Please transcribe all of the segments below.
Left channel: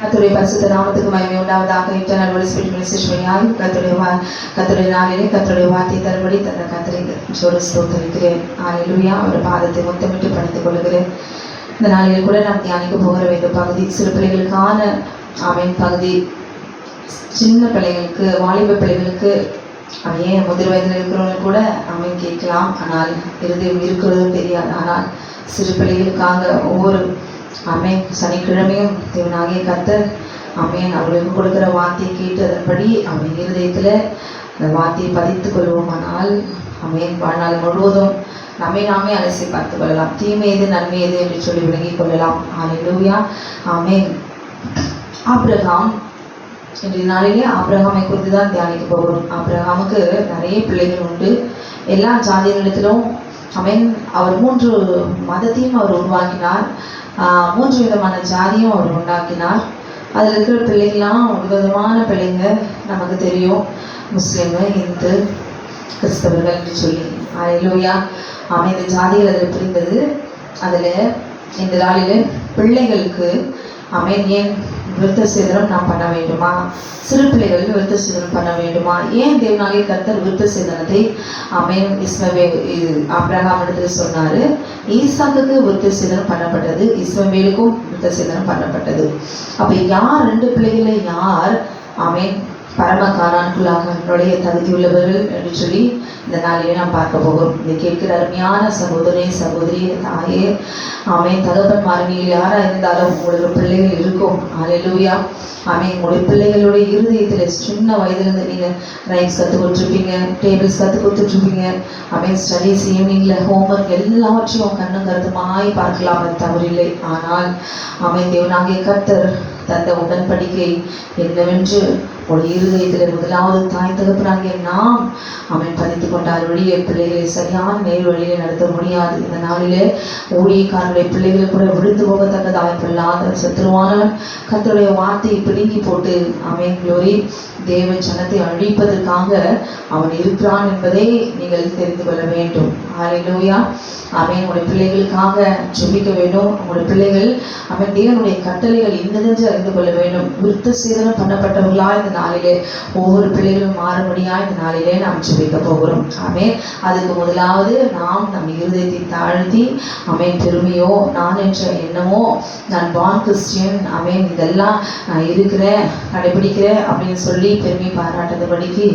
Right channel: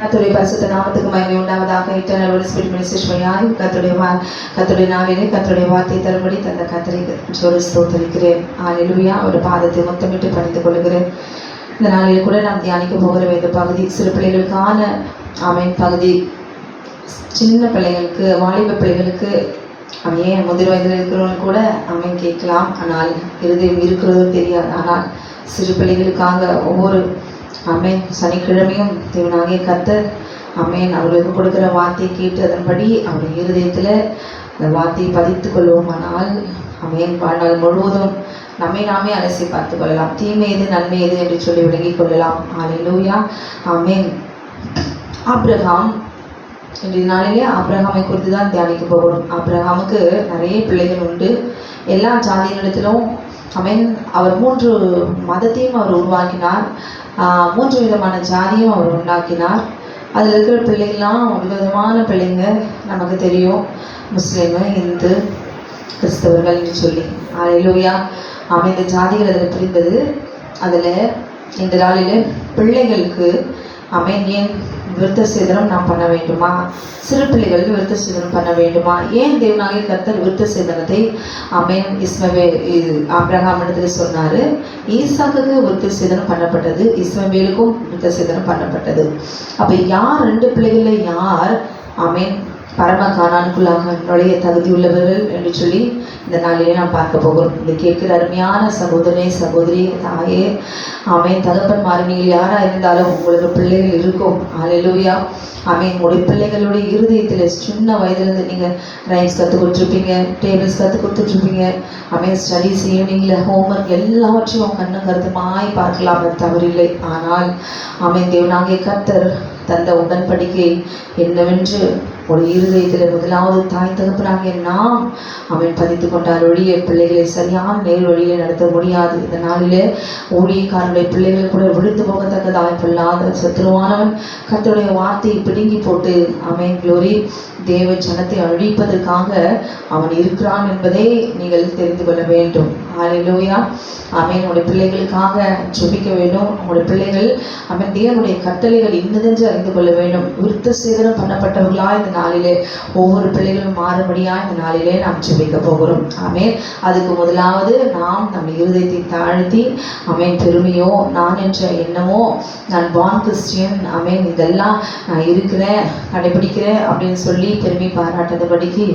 கர்த்தருடைய பரிசுத்த நாமத்துக்கு மகிமை உண்டாவதாக. இன்டர்னல் ஹோலி ஸ்பிரிட் மெசேஜ் வழியாய் கர்த்தருடைய நாளிலே கர்த்தருடைய வார்த்தையை தரும்படி தந்த கர்த்தரை ஜோடி ஸ்தோத்திரிக்கிறேன். ஹல்லேலூயா. அவருடைய பாதத்தை முத்தமிட்டு பணித்துக் கொள்கிறேன். இந்த நாளில் கூட நாம் தியானிக்க போகிற இந்த பகுதி சிறு பிள்ளைகளுக்கான ஆமீன் பகுதி. சின்ன பிள்ளைகளுக்கு, வாலிப பிள்ளைகளுக்கு, ஏன் முதிர் வயதில் இருக்கிறவங்க கூட ஆமீன் கேட்கலாம். ஆனால் இருதயம் இருக்கிறதும் தெரியாது. ஆனால் சிறு பிள்ளைகளுக்காக ஒவ்வொரு ஆமேன் சனிக்கிழமையும் தேவனாகிய கர்த்தர் ஆமேன் அவர்களுக்கு கொடுக்கிற வார்த்தையை கேட்டு அதன்படி அவருடைய இருதயத்தில் அந்த வார்த்தையை பதித்துக் கொள்வோமானால் ஆமேன் வாழ்நாள் முழுவதும் நாமே அலசி பார்த்து கொள்ளலாம். தீமை எது நன்மை எது என்று சொல்லி விளங்கிக் கொள்ளலாம். ஹல்லேலூயா. ஆமேன். ஆபிரகாம், இன்றைய நாளிலே ஆபிரகாமை குறித்து தான் தியானிக்க போகிறோம். ஆபிரகாமுக்கு நிறைய பிள்ளைகள் உண்டு. எல்லா ஜாதிகளிடத்திலும் ஆமேன் அவர் 3 மதத்தையும் அவர் உருவாக்கினார். 3 விதமான ஜாதியும் அவர் உண்டாக்கினார். அதில் இருக்கிற பிள்ளைகள்லாம் விதவிதமான பிள்ளைங்க நமக்கு தெரியும். முஸ்லீமு, இந்து, கிறிஸ்தவர்கள் என்று சொல்லி. ஹல்லேலூயா. ஆமாம். இந்த ஜாதிகள் அதில் பிரிந்தது. அதில் இந்த நாளில் பிள்ளைகளுக்கு ஆமேன் ஏன் விருத்த சேதனம் நாம் பண்ண வேண்டுமா? சிறு பிள்ளைகள் விருத்த சேதனம் பண்ண வேண்டுமா? ஏன் தேவனாகிய கர்த்தர் விருத்த சேதனத்தை ஆமேன் ஆபிரகாம் இடத்துல சொன்னார். ஈசாக்குக்கு விருத்த சேதனம் பண்ணப்பட்டது, இஸ்மவேலுக்கும் விருத்த சேதனம் பண்ணப்பட்டது. அப்போ யார் 2 பிள்ளைகளில் யார் ஆமேன் பரம கானானுக்குள்ளாக நுழைய தகுதி உள்ளவர்கள் என்று சொல்லி இந்த நாளிலே நாம் பார்க்க போகிறோம். இதை கேட்கிற அருமையான சகோதரே, சகோதரி, தாயே, ஆமேன் தகப்பன்மார்கள் யாராக இருந்தாலும் உங்களுக்கு பிள்ளைகள் இருக்கும். ஹல்லேலூயா. ஆமேன். உங்களுடைய பிள்ளைகளுடைய இருதயத்தில் சின்ன வயதுலேருந்து நீங்கள் ரைம்ஸ் கற்றுக் கொடுத்துருப்பீங்க, டேபிள்ஸ் கற்றுக் கொடுத்துட்ருப்பீங்க. ஆமேன். ஸ்டடீஸ், ஈவினிங்கில் ஹோம்ஒர்க் எல்லாவற்றையும் கண்ணும் கருத்துமாய் பார்க்கலாம், அது தவறில்லை. ஆனால் ஆமேன் தேவனாகிய கர்த்தர் தந்த உடன்படிக்கை என்னவென்று ஒரு இருதயத்தில் முதலாவது தாய் தகப்பனாகிய நாம் அவன் பதித்து கொண்டால் ஒழிய பிள்ளைகளை சரியான நேர் வழியிலே நடத்த முடியாது. இந்த நாளிலே ஊழியக்காரனுடைய பிள்ளைகளை கூட விழுந்து போகத்தக்க வாய்ப்பில்லாத சத்துருவானவன் கர்த்தருடைய வார்த்தையை பிடுங்கி போட்டு ஆமென் க்ளோரி தேவ ஜனத்தை அழிப்பதற்காக அவன் இருக்கிறான் என்பதை நீங்கள் தெரிந்து கொள்ள வேண்டும். ஹல்லேலூயா. ஆமென். உங்களுடைய பிள்ளைகளுக்காக ஜெபிக்க வேண்டும். உங்களுடைய பிள்ளைகள் ஆமென் தேவனுடைய கட்டளைகள் இன்னதென்று அறிந்து கொள்ள வேண்டும். விருத்த சேதனம் பண்ணப்பட்டவர்களா இந்த நாளிலே ஒவ்வொரு பிள்ளைகளும் மாறுபடியா இந்த நாளிலே நாம் ஜெபிக்க போகிறோம். ஆமென். அதுக்கு முதலாவது நாம் நம் இருதயத்தை தாழ்த்தி ஆமென் பெருமையோ நான் என்ற எண்ணமோ நான் பான் கிறிஸ்டியன் ஆமென் இதெல்லாம் நான் இருக்கிறேன் கடைபிடிக்கிறேன் அப்படின்னு சொல்லி பெருமை பாராட்டதபடிக்கு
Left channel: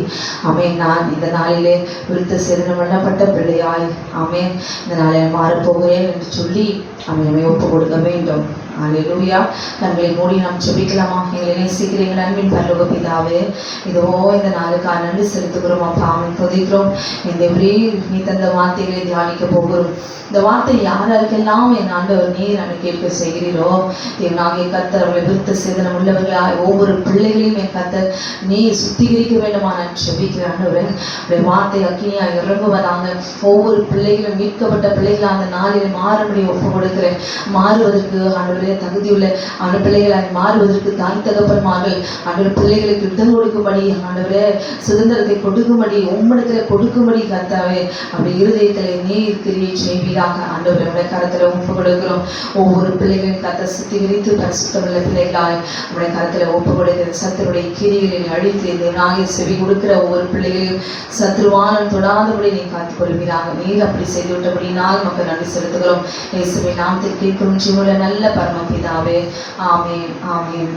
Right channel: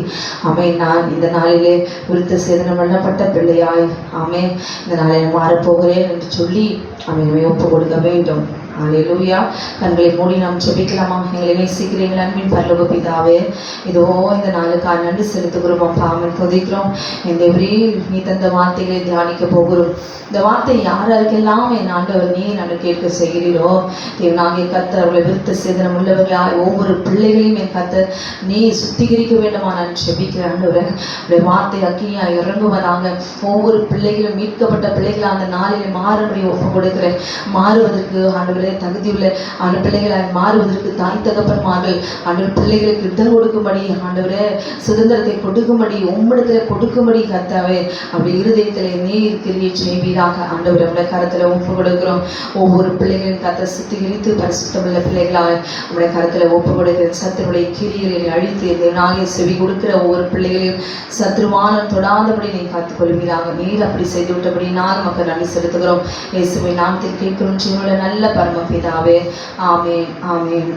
ஆமென் நான் இந்த நாளிலே விருத்த சேதனம் பண்ணப்பட்ட பிள்ளையாய் ஆமென் இந்த நாளில் மாறப்போகிறேன் என்று சொல்லி ஆமென் ஒப்பு கொடுக்க வேண்டும். ஹல்லேலூயா. கண்களை மூடி நாம் ஜெபிக்கலாமா? எங்களை நேசிக்கிறீர்கள் அன்பின் பரலோக பிதாவே, இதோ இந்த நாளுக்காக நன்றி செலுத்துகிறோம் அப்பா. ஆமென். துதிக்கிறோம். இந்த நீ தந்த வார்த்தைகளை தியானிக்க போகிறோம். இந்த வார்த்தை யாருக்கெல்லாம் என் ஆண்டவர் நீர் நான் கேட்க செய்கிறீரோ தேவனாகிய கர்த்தர் அவர்களை விருத்த சேதனம் உள்ளவர்களாய் ஒவ்வொரு பிள்ளைகளையும் என் கர்த்தர் நீ சுத்திகரிக்க வேண்டுமா நான் ஜெபிக்கிற ஆண்டவர் உடைய வார்த்தை அக்கினியாய் இறங்குவதாக ஒவ்வொரு பிள்ளைகளும் மீட்கப்பட்ட பிள்ளைகளை அந்த நாளில் மாறுபடி ஒப்பு கொடுக்கிறேன். மாறுவதற்கு ஆண்டவரே தகுதியுள்ள அந்த பிள்ளைகளாய் மாறுவதற்கு தாய் தகப்பன்மார்கள் ஆண்டவர் பிள்ளைகளுக்கு இடம் கொடுக்கும்படி ஆண்டவரே சுதந்திரத்தை கொடுக்கும்படி உம்மிடத்தில் கொடுக்கும்படி கர்த்தாவே அப்படி இருதயத்தில் நீர் கிரியை செய்வீராக ஆண்டவரே உடைய கரத்தில் ஒப்பு கொடுக்கிறோம். ஒவ்வொரு பிள்ளைகளையும் கர்த்தர் சுத்திகரித்து பரிசுத்தமுள்ள பிள்ளைகளாய் உடைய கரத்தில் ஒப்பு கொடுக்கிற சத்துருடைய கிரிகளில் அழித்து தேவனாகிய செவி கொடுக்கிற ஒவ்வொரு பிள்ளைகளையும் சத்ருவானம் தொடாதபடி நீ காத்துக் கொள்வீராக. நீர் அப்படி செய்து விட்டபடினால் மக்கள் நன்றி செலுத்துகிறோம். இயேசுவை நாமத்தில் கேட்கிறோம் ஜீவனுள்ள நல்ல பரம பிதாவே. ஆமென். ஆமென்.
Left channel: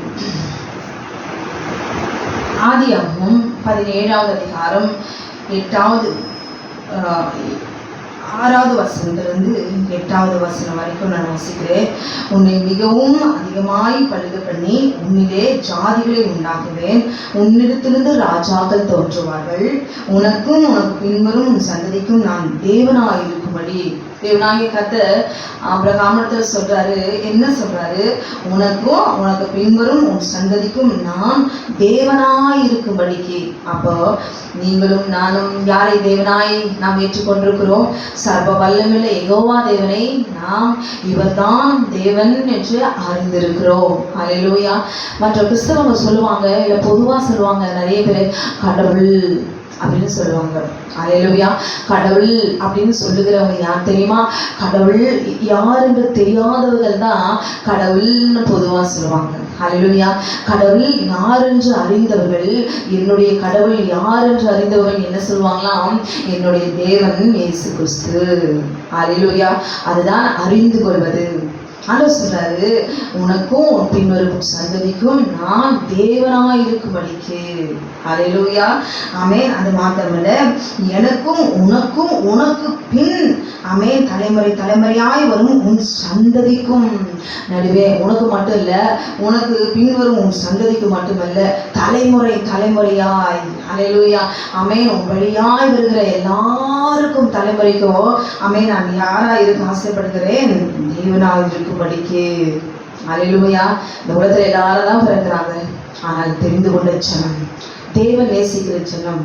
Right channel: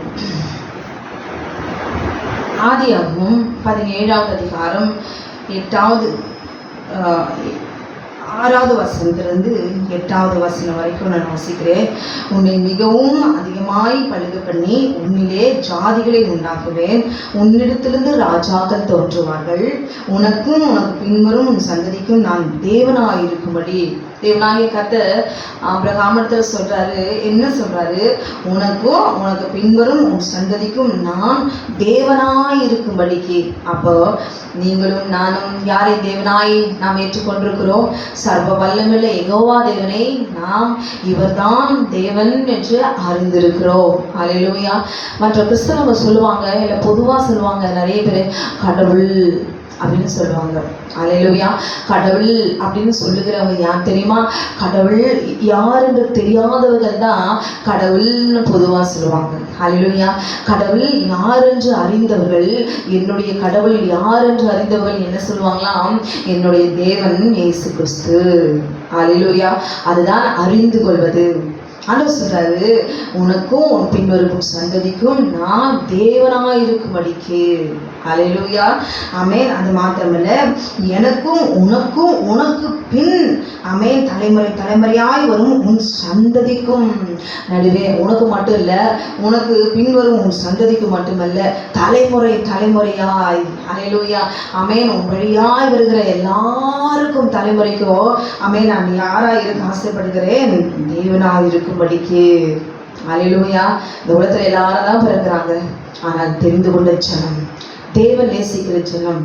ஆதியாகமம் 17ஆவது அதிகாரம் 6வது வசனத்திலிருந்து 8வது வசனம் வரைக்கும் நான் வாசிக்கிறேன். உன்னை மிகவும் அதிகமாய் பழுக பண்ணி உன்னிலே ஜாதிகளை உண்டாக்குவேன். உன்னிடத்திலிருந்து ராஜாக்கள் தோன்றுவார்கள். உனக்கும் உனக்கு பின்வரும் உன் சந்ததிக்கும் நான் தேவனாய் இருக்கும்படி தேவனாகிய கர்த்தர் ஆபிரகாமிடத்தில் சொல்றாரு. என்ன சொல்றாரு? உனக்கும் உனக்கு பின்வரும் உன் சந்ததிக்கும் நான் தேவனாய் இருக்கும்படிக்கு. அப்போ நீங்களும் நானும் யாரை தேவனாய் நாம் ஏற்றுக்கொண்டிருக்கிறோம்? சர்வ வல்லமையுள்ள யெகோவா தேவனை நாம் இவர்தான் தேவன் என்று அறிந்திருக்கிறோம். ஹல்லேலூயா. மற்ற கிறிஸ்தவங்க சொல்லுவாங்க, இல்லை பொதுவாக சொல்லுவாங்க, நிறைய பேர் கடவுள் அப்படின்னு சொல்லுவாங்க. ஹல்லேலூயா. கடவுள் அப்படின்னு சொல்லுகிறவங்க யார் தெரியுமா? கடவுள் யார் என்று தெரியாதவர்கள் தான் கடவுள்னு பொதுவாக சொல்லுவாங்க. ஹல்லேலூயா. கடவுள் யார் என்று அறிந்தவர்கள், என்னுடைய கடவுள் யார் என்று அறிந்தவர்கள் என்ன சொல்லுவாங்களாம்? என்னுடைய தேவன் இயேசு கிறிஸ்து. ஹல்லேலூயா. அதுதான் அறிந்து கொள்வது. ஆண்டவர் சொல்றாரு, உனக்கும் உன் பின்வரும் சந்ததிக்கும் நான் தேவனாய் இருக்கும்படிக்கு. ஹல்லேலூயா. ஆமென். அது மாத்திரமல்ல, எனக்கும் உனக்கும் உனக்கு பின், ஆமென், தலைமுறை தலைமுறையாய் வரும் உன் சந்ததிக்கும் நடுவே, உனக்கு மட்டும் இல்ல, உனக்கு பின்வரும் உன் சந்ததிக்கு மட்டுமல்ல, தலைமுறை தலைமுறையாய். ஹல்லேலூயா. ஆமென். உன் வழியாய் வருகிற எல்லாருக்கும் தலைமுறைக்கும், ஆமென், நான் யாராய் இருக்க ஆசைப்படுகிறேன்? தேவனாய் இருக்கும்படிக்கு. ஹல்லேலூயா. இந்த உலகத்துல எல்லாரும் தான் பிறக்கிறாங்க, ஆனால் தெரிந்து கொண்ட ஜனம், தேவன் நேசிக்கிற ஜனம்,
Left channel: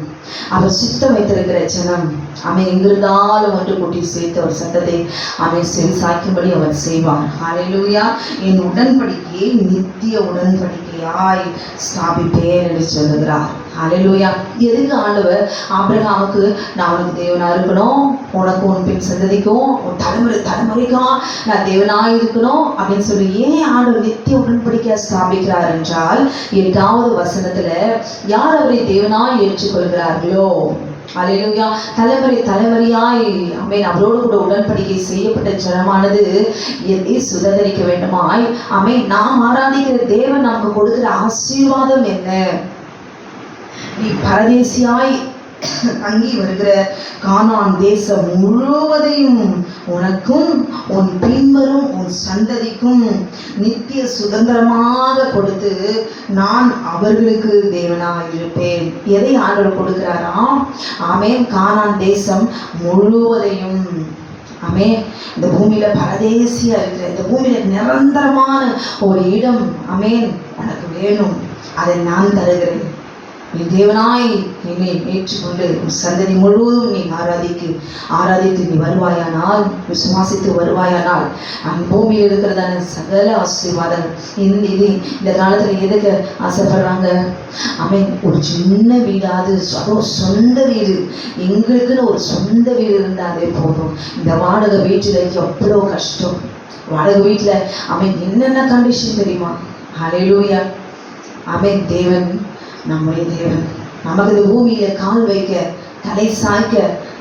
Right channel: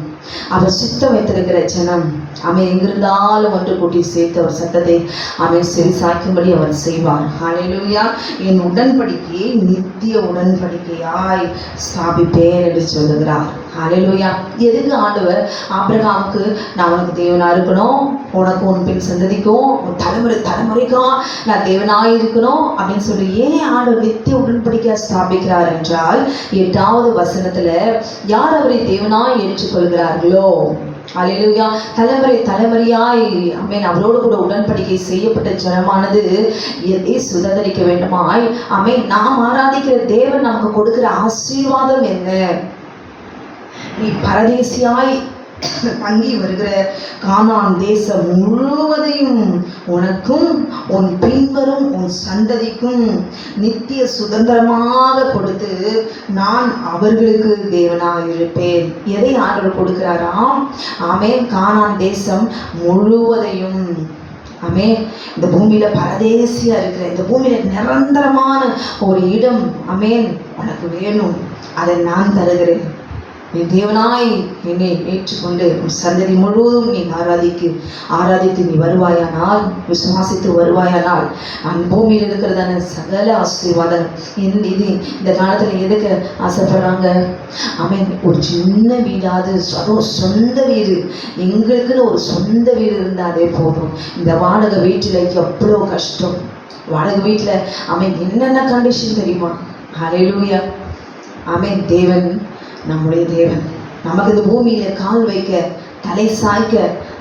அவர் சித்தம் வைத்திருக்கிற ஜனம், அவன் எங்கிருந்தாலும் ஒன்று கூட்டி சேர்த்து அவர் சத்தத்தை அவன் செவி சாய்க்கும்படி அவர் செய்வார். ஹல்லேலூயா. என் உடன்படிக்கையை நித்திய உடன்படிக்கையாய் ஸ்தாபிப்பேன் என்று சொல்லுகிறார். ஹல்லேலூயா. எதுக்கு ஆண்டவர் ஆபிரகாமுக்கு நான் உனக்கு தேவனா இருக்கணும், உனக்கு உன் பின் சந்ததிக்கும் உன் தலைமுறை தலைமுறைக்கும் நான் தேவனாய் இருக்கணும் அப்படின்னு சொல்லி ஏன் ஆண்டவர் நித்திய உடன்படிக்கையா ஸ்தாபிக்கிறார் என்றால், 8வது வசனத்துல யார் அவரை தேவனாய் ஏற்றுக்கொள்கிறார்களோ, ஹல்லேலூயா, தலைமுறை தலைமுறையாய், ஆமென், அவரோடு கூட உடன்படிக்கை செய்யப்பட்ட ஜனமானது எதை சுதந்திரிக்க வேண்டுமாய், ஆமென், நாம் ஆராதிக்கிற தேவன் நமக்கு கொடுக்கிற ஆசீர்வாதம் என்ன? நீ பரதேசியாய் தங்கி வருகிற கானான் தேசம் முழுவதையும் உனக்கும் உன் பின்வரும் உன் சந்ததிக்கும் நித்திய சுதந்திரமாக கொடுத்து நான் அவர்களுக்கு தேவனாய் இருப்பேன். எதை ஆண்டவர் கொடுக்கிறாராம்? ஆமென். கானான் தேசம் முழுவதையும், ஆமென், இந்த பூமியில பரதேசியா இருக்கிற, இந்த பூமியில நிரந்தரமான ஒரு இடம், ஆமென், உனக்கு வேணும், அதை நான் தருகிறேன். நீ தேவனாய் என்னை ஏற்றுக்கொண்டு சந்ததி முழுவதும் நீ ஆராதித்து நீ வருவாயானால், விசுவாசித்து வருவாயானால், நான் பூமியில் இருக்கிறதான சகல ஆசீர்வாதம். இந்த காலத்துல எதுக்கு ஆசைப்படுறாங்க? ஆமென், ஒரு சின்ன வீடாது, சொந்த வீடு, எங்களுக்குன்னு ஒரு சொந்த வீடு இருந்தாலே போதும். இந்த வாடகை வீட்டுல எவ்வளவு கஷ்டம். வாடகை வீட்டுல ஆமென் என்னென்ன கண்டிஷன் தெரியுமா? ஹல்லேலூயா. ஆமென். தேவன், நம்முடைய தேவன் நமக்கு இந்த பூமியில கால் வைக்க, தலை சாய்க்க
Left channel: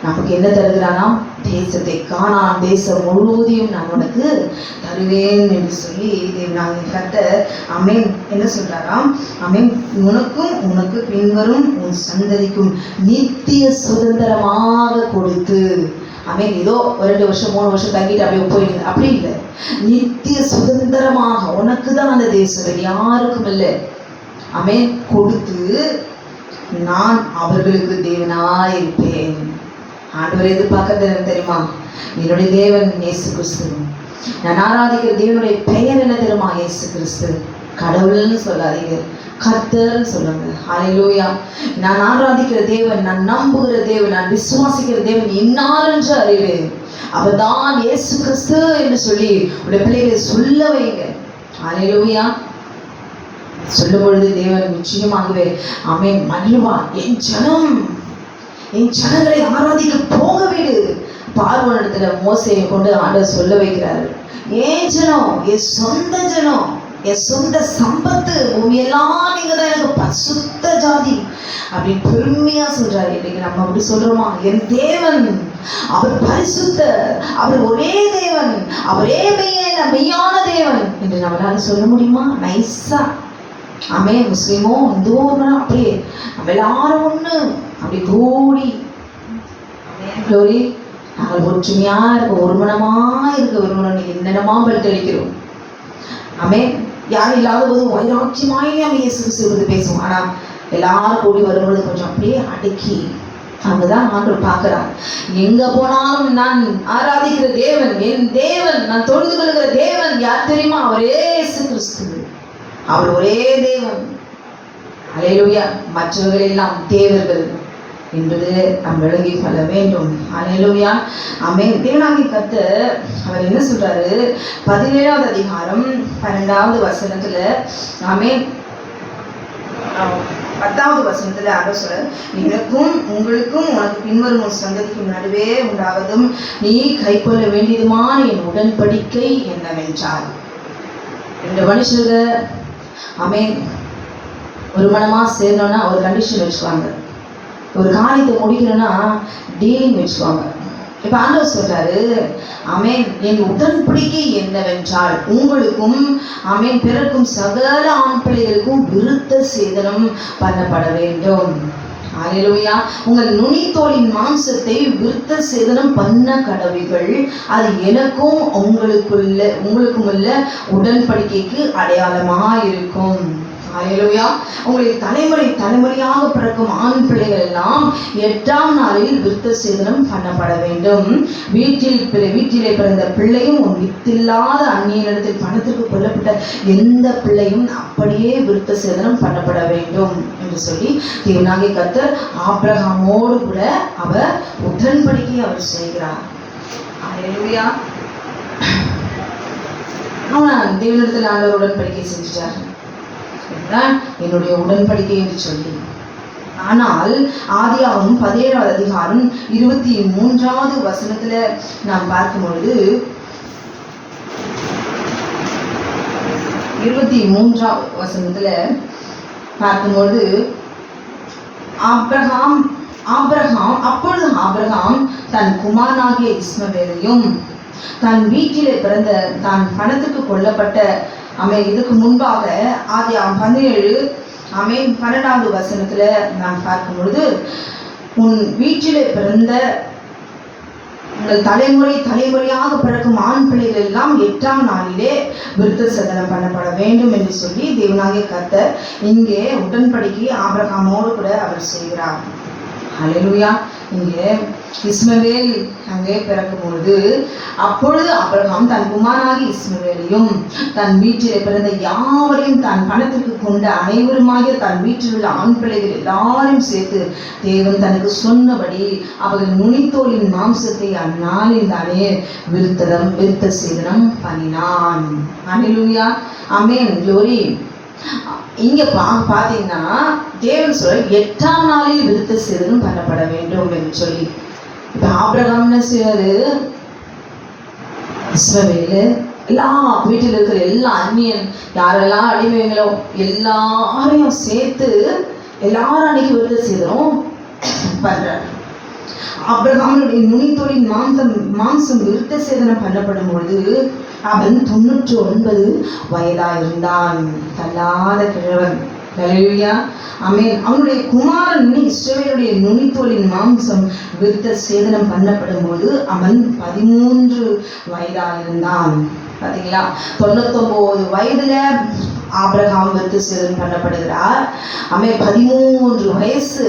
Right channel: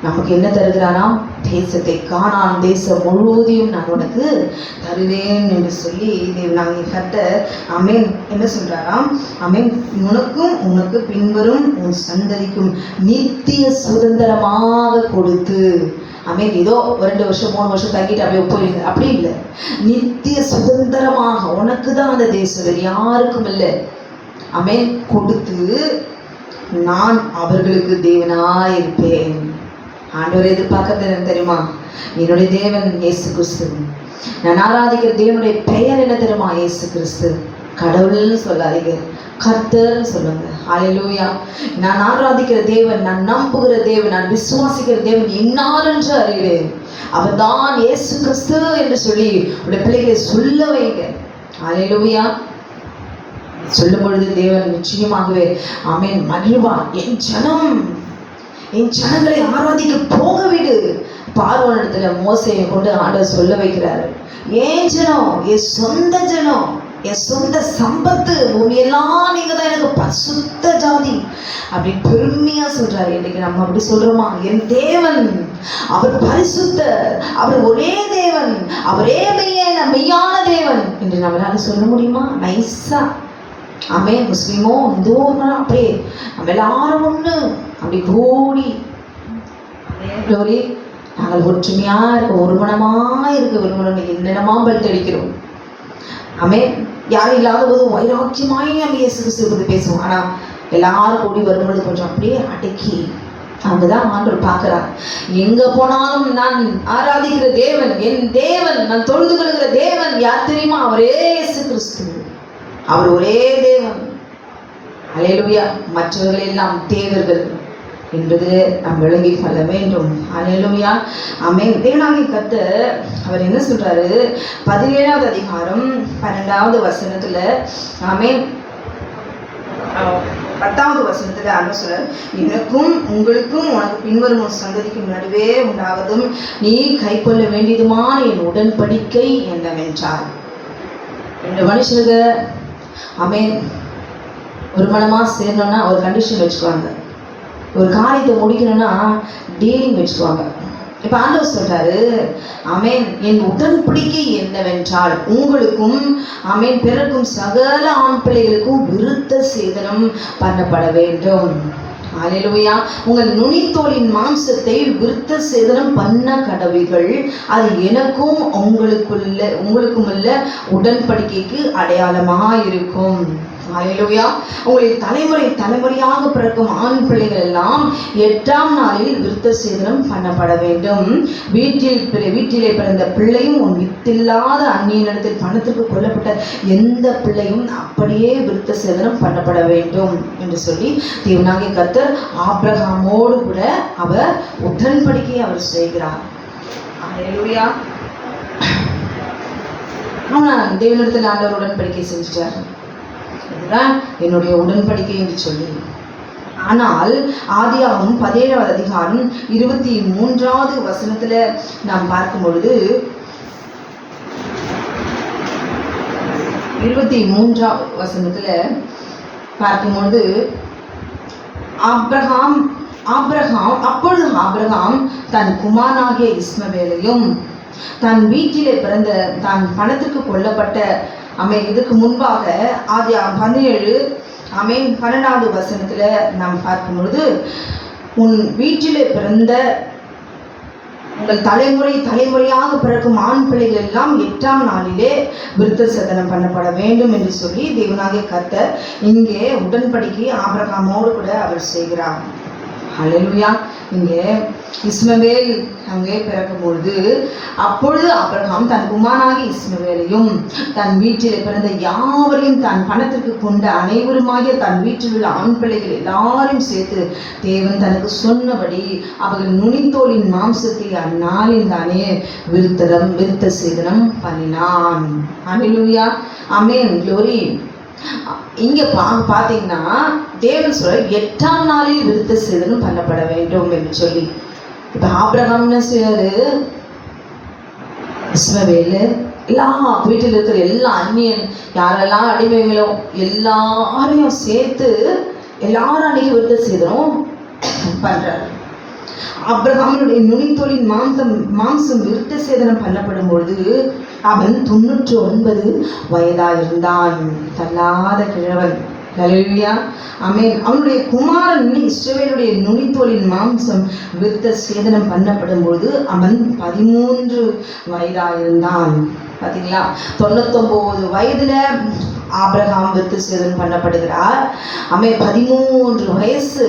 நமக்கு என்ன தருகிறாராம்? தேசத்தை, கானான் தேசம் முழுவதையும் நான் உனக்கு தருவேன் என்று சொல்லி தேவனாகிய கர்த்தர், ஆமென், என்ன சொல்றாராம்? ஆமென், உனக்கும் உனக்கு பின்வரும் உன் சந்ததிக்கும் நித்திய சுதந்திரமாக கொடுத்து, ஆமென், ஏதோ 2 வருஷம் 3 வருஷம் தங்கிட்டு அப்படியே போயிடுங்க, அப்படி இல்லை, நித்திய சுதந்திரமாக உனக்கு தான் அந்த தேசம், வேறு யாருக்கும் இல்லை, ஆமென், கொடுத்து நான் அவர்களுக்கு தேவனாய் இருப்பேன். ஆண்டவர் எதிர்பார்க்கறது என்ன தெரியுமா? என்னுடைய தேவன் இயேசு கிறிஸ்து. நான் ஆராதிக்கிற தேவனுடைய பெயர் என்ன தெரியுமா? இயேசு கிறிஸ்து. கடவுள்னு சொல்லாதீங்க, கர்த்தர்னு சொல்லுங்க. ஹல்லேலூயா. நான் ஆராதிக்கிற தேவன், நான் நம்புகிற தேவன், நான் விசுவாசிக்கிற தேவன் இன்னார் என்று அறிவேன், அவர்தான் இயேசு கிறிஸ்து என்று சொல்லி உடைய பிள்ளைகளை சொல்ல வைங்க. ஹல்லேலூயா. சொல்லும் பொழுது தேவன் நிச்சயமாகவே, ஆமென், மகிழ்வான். என் ஜனங்களை ஆராதிக்க போக விடு. பார்வோனிடத்துல மோசேயை கொண்டு ஆண்டவர் சொல்ல வைக்கிறாரு, ஏன் ஜனம், என் சொந்த ஜனம், என் சொந்த சம்பத்து, பூமியெல்லாம் நீங்க தான் எனக்கு பரிசுத்த ஜாதி அப்படின்னு பெருமையா சொல்றாரு. இன்னைக்கு நம்ம அப்படி சொல்றோமா? என் தேவன் அவர் பரிசுத்தர், அவர் ஒரே தேவன், அவரே மெய்யான தேவன் என்று நம்மளால சொல்ல முடியுமா? நைஸா, ஆமென், முஸ்லிமோ இந்துவோ அப்படியே நம்ம எல்லாரும் ஒண்ணு அப்படி கூடி, நாங்கள் ஒற்றுமையா இருக்க, ஒரு மனமா இருக்க விரும்புகிறோம். என்னென்னமா பல்ட் அடிக்கிறோம், ஆமென், யாரும் இல்லாத போது வைராக்கியமாய் நம்ம இயேசு கிறிஸ்து பேசுவோம். ஆனா எல்லாரும் கூடி வரும்பொழுது கொஞ்சம் அப்படியே அடக்கி, அங்கதான் ஆண்டவர் பார்க்கிறார். எங்க போனாலும் நான் ஆராதிக்கிற தேவன், என் தேவன், நான் தொழுது கொள்கிற தேவன் யார் தெரியுமா? அவரே இயேசு கிறிஸ்து. அவர் ஒரே தேவன். ஹல்லேலூயா. மற்றவர்கள் எல்லாம் தேவர்கள் என்பது நாம் விளங்கிக் கொள்ள வேண்டும். ஹல்லேலூயா. ஆமென். தேவனாகிய கர்த்தர் அவர் என்ன சொல்றாரு? 17வது அதிகாரம் 12வது வசனத்துல, ஆமென், 10வது வசனத்துல ஆண்டவர் சொல்றார், எனக்கும் உங்களுக்கும் உனக்கு பின்வரும் உன் சந்ததிக்கும் நடுவே உண்டாவதும் நீ கைக்கொள்ள வேண்டியதுமான என் உடன்படிக்கை என்னவென்றார். 2 மனுஷர்கள் ஆமென். ஒரு மனமா சேரணும்னா ஒரு கண்டிஷன் வச்சுக்குவாங்க. ஒரு காரியத்தை முடிக்கணும்னா டீலிங் வச்சுக்குவாங்க. இப்ப ஆண்டவர் சொல்றாரு, ஆமென், என் உடன்படிக்கை என்னவென்றால் உங்களுக்கும் ஆமென் பிறக்கும் சகல ஆண் பிள்ளைகளுக்கும் விருத்த சேதனம் பண்ணப்பட வேண்டும். ஹல்லேலூயா. உங்கள் நுனித்தோலின் மாம்சத்தை விருத்த சேதனம் பண்ண கடவீர்கள். அது எனக்கும் உங்களுக்கும் உள்ள உடன்படிக்கைக்கு அடையாளமாயிருக்கும். ஹல்லேலூயா. உங்களுடைய தலைமுறையாக பிறக்கும் ஆண் பிள்ளைகள் எல்லாம் 8ஆம் நாளில் விருத்த சேதனம் பண்ணப்பட வேண்டும். வீட்டிலே பிறந்த பிள்ளையும் உன் வித்தில்லாத அந்நியனிடத்தில் பணத்திற்கு கொல்லப்பட்ட எந்த பிள்ளையும் அப்படியே விருத்த சேதனம் பண்ணப்பட வேண்டும் என்று சொல்லி தேவனாகிய கர்த்தர் ஆபிரகாமோடு கூட அவர் உடன்படிக்கையை அவர் செய்கிறார். ஹல்லேலூயா. அவன் தேவனிடத்தில் ஆண்டவர் உடன்படிக்கை செஞ்சுட்டார். என்னுடைய உடன்படிக்கை என்று சொல்லி. ஆனால் ஆதியாகமம் 17வது அதிகாரம் 23வது வசனத்துல நாம் பார்க்கும் பொழுது 23வது வசனத்துல பார்க்கும்போது அப்பொழுது ஆபிரகாம் தன் குமாரனாகிய இஸ்மவேலையும் தன் வீட்டிலே பிறந்த தான் பணத்துக்கு கொல்லப்பட்ட இதுக்கு முன்பாக ஆதியாகமம் 12வது வசனத்துல நாம் பார்க்கும் பொழுது உன் வீட்டிலே பிறந்த உங்கள் தலைமுறையாக பிறக்கும் ஆண் பிள்ளைகள் எல்லாம் 8ஆம் நாளிலே விருத்த சேதனம் பண்ணப்பட வேண்டும் என்று சொல்லி தேவனாகிய கர்த்தர் இங்கே உடன்படிக்கை ஆபிரகாமோடு கூட அவர் செய்கிறார். ஹல்லேலூயா. இங்கே இஸ்மவேல் அங்கே பிறக்கும்பொழுது அப்பொழுது ஆபிரகாம் தன் குமாரனாகிய இஸ்மவேலையும் தன் வீட்டிலே பிறந்த யாவரையும் தன் பணத்திற்கு கொண்ட அனைவருமாகிய தன் வீட்டில் உள்ள ஆண் பிள்ளைகள் எல்லாரையும் சேர்த்து தேவன் தனக்கு சொன்னபடி அவர்கள் நுனித்தோலின் மாம்சத்தை அந்நாளில் தானே விருத்த சேதனம் பண்ணினான். ஹல்லேலூயா. ஆமென். க்ளோரி. இங்க பாத்தீங்கன்னா தேவன் சொல்ற 8ஆம் நாளில் விருத்த சேதனம் பண்ணப்பட வேண்டும் என்று சொல்லி. இப்ப ஆபிரகாம் செய்வாரு, இஸ்மவேலு எல்லா வீட்டில் இருக்கிற எல்லா அந்நியன் யாரெல்லாம் அடிமைகளோ எல்லாரையும் சேர்த்து எல்லாரும் அன்னைக்கு விருத்த சேதனம் பண்றாரு. ஆபிரகாமுடைய நுனித்தோலின் மாம்சம் விருத்த சேதனம் பண்ணப்படும் பொழுது அவன் 99 வயதாயிருந்தான். தள்ளாத கிழவன். ஹல்லேலூயா. ஆமென். அவனுடைய குமாரன் இஸ்ரவேலுடைய நுனித்தோலின் மாம்சம் விருத்த சேதனம் பண்ணப்படும் போது அவன் 13 வயதாயிருந்தான். பாத்தீங்களா? 99 வயதுல ஆபிரகாம் விருத்த சேதனம் பண்ணப்படுகிறார். அவன் 13 வயசு,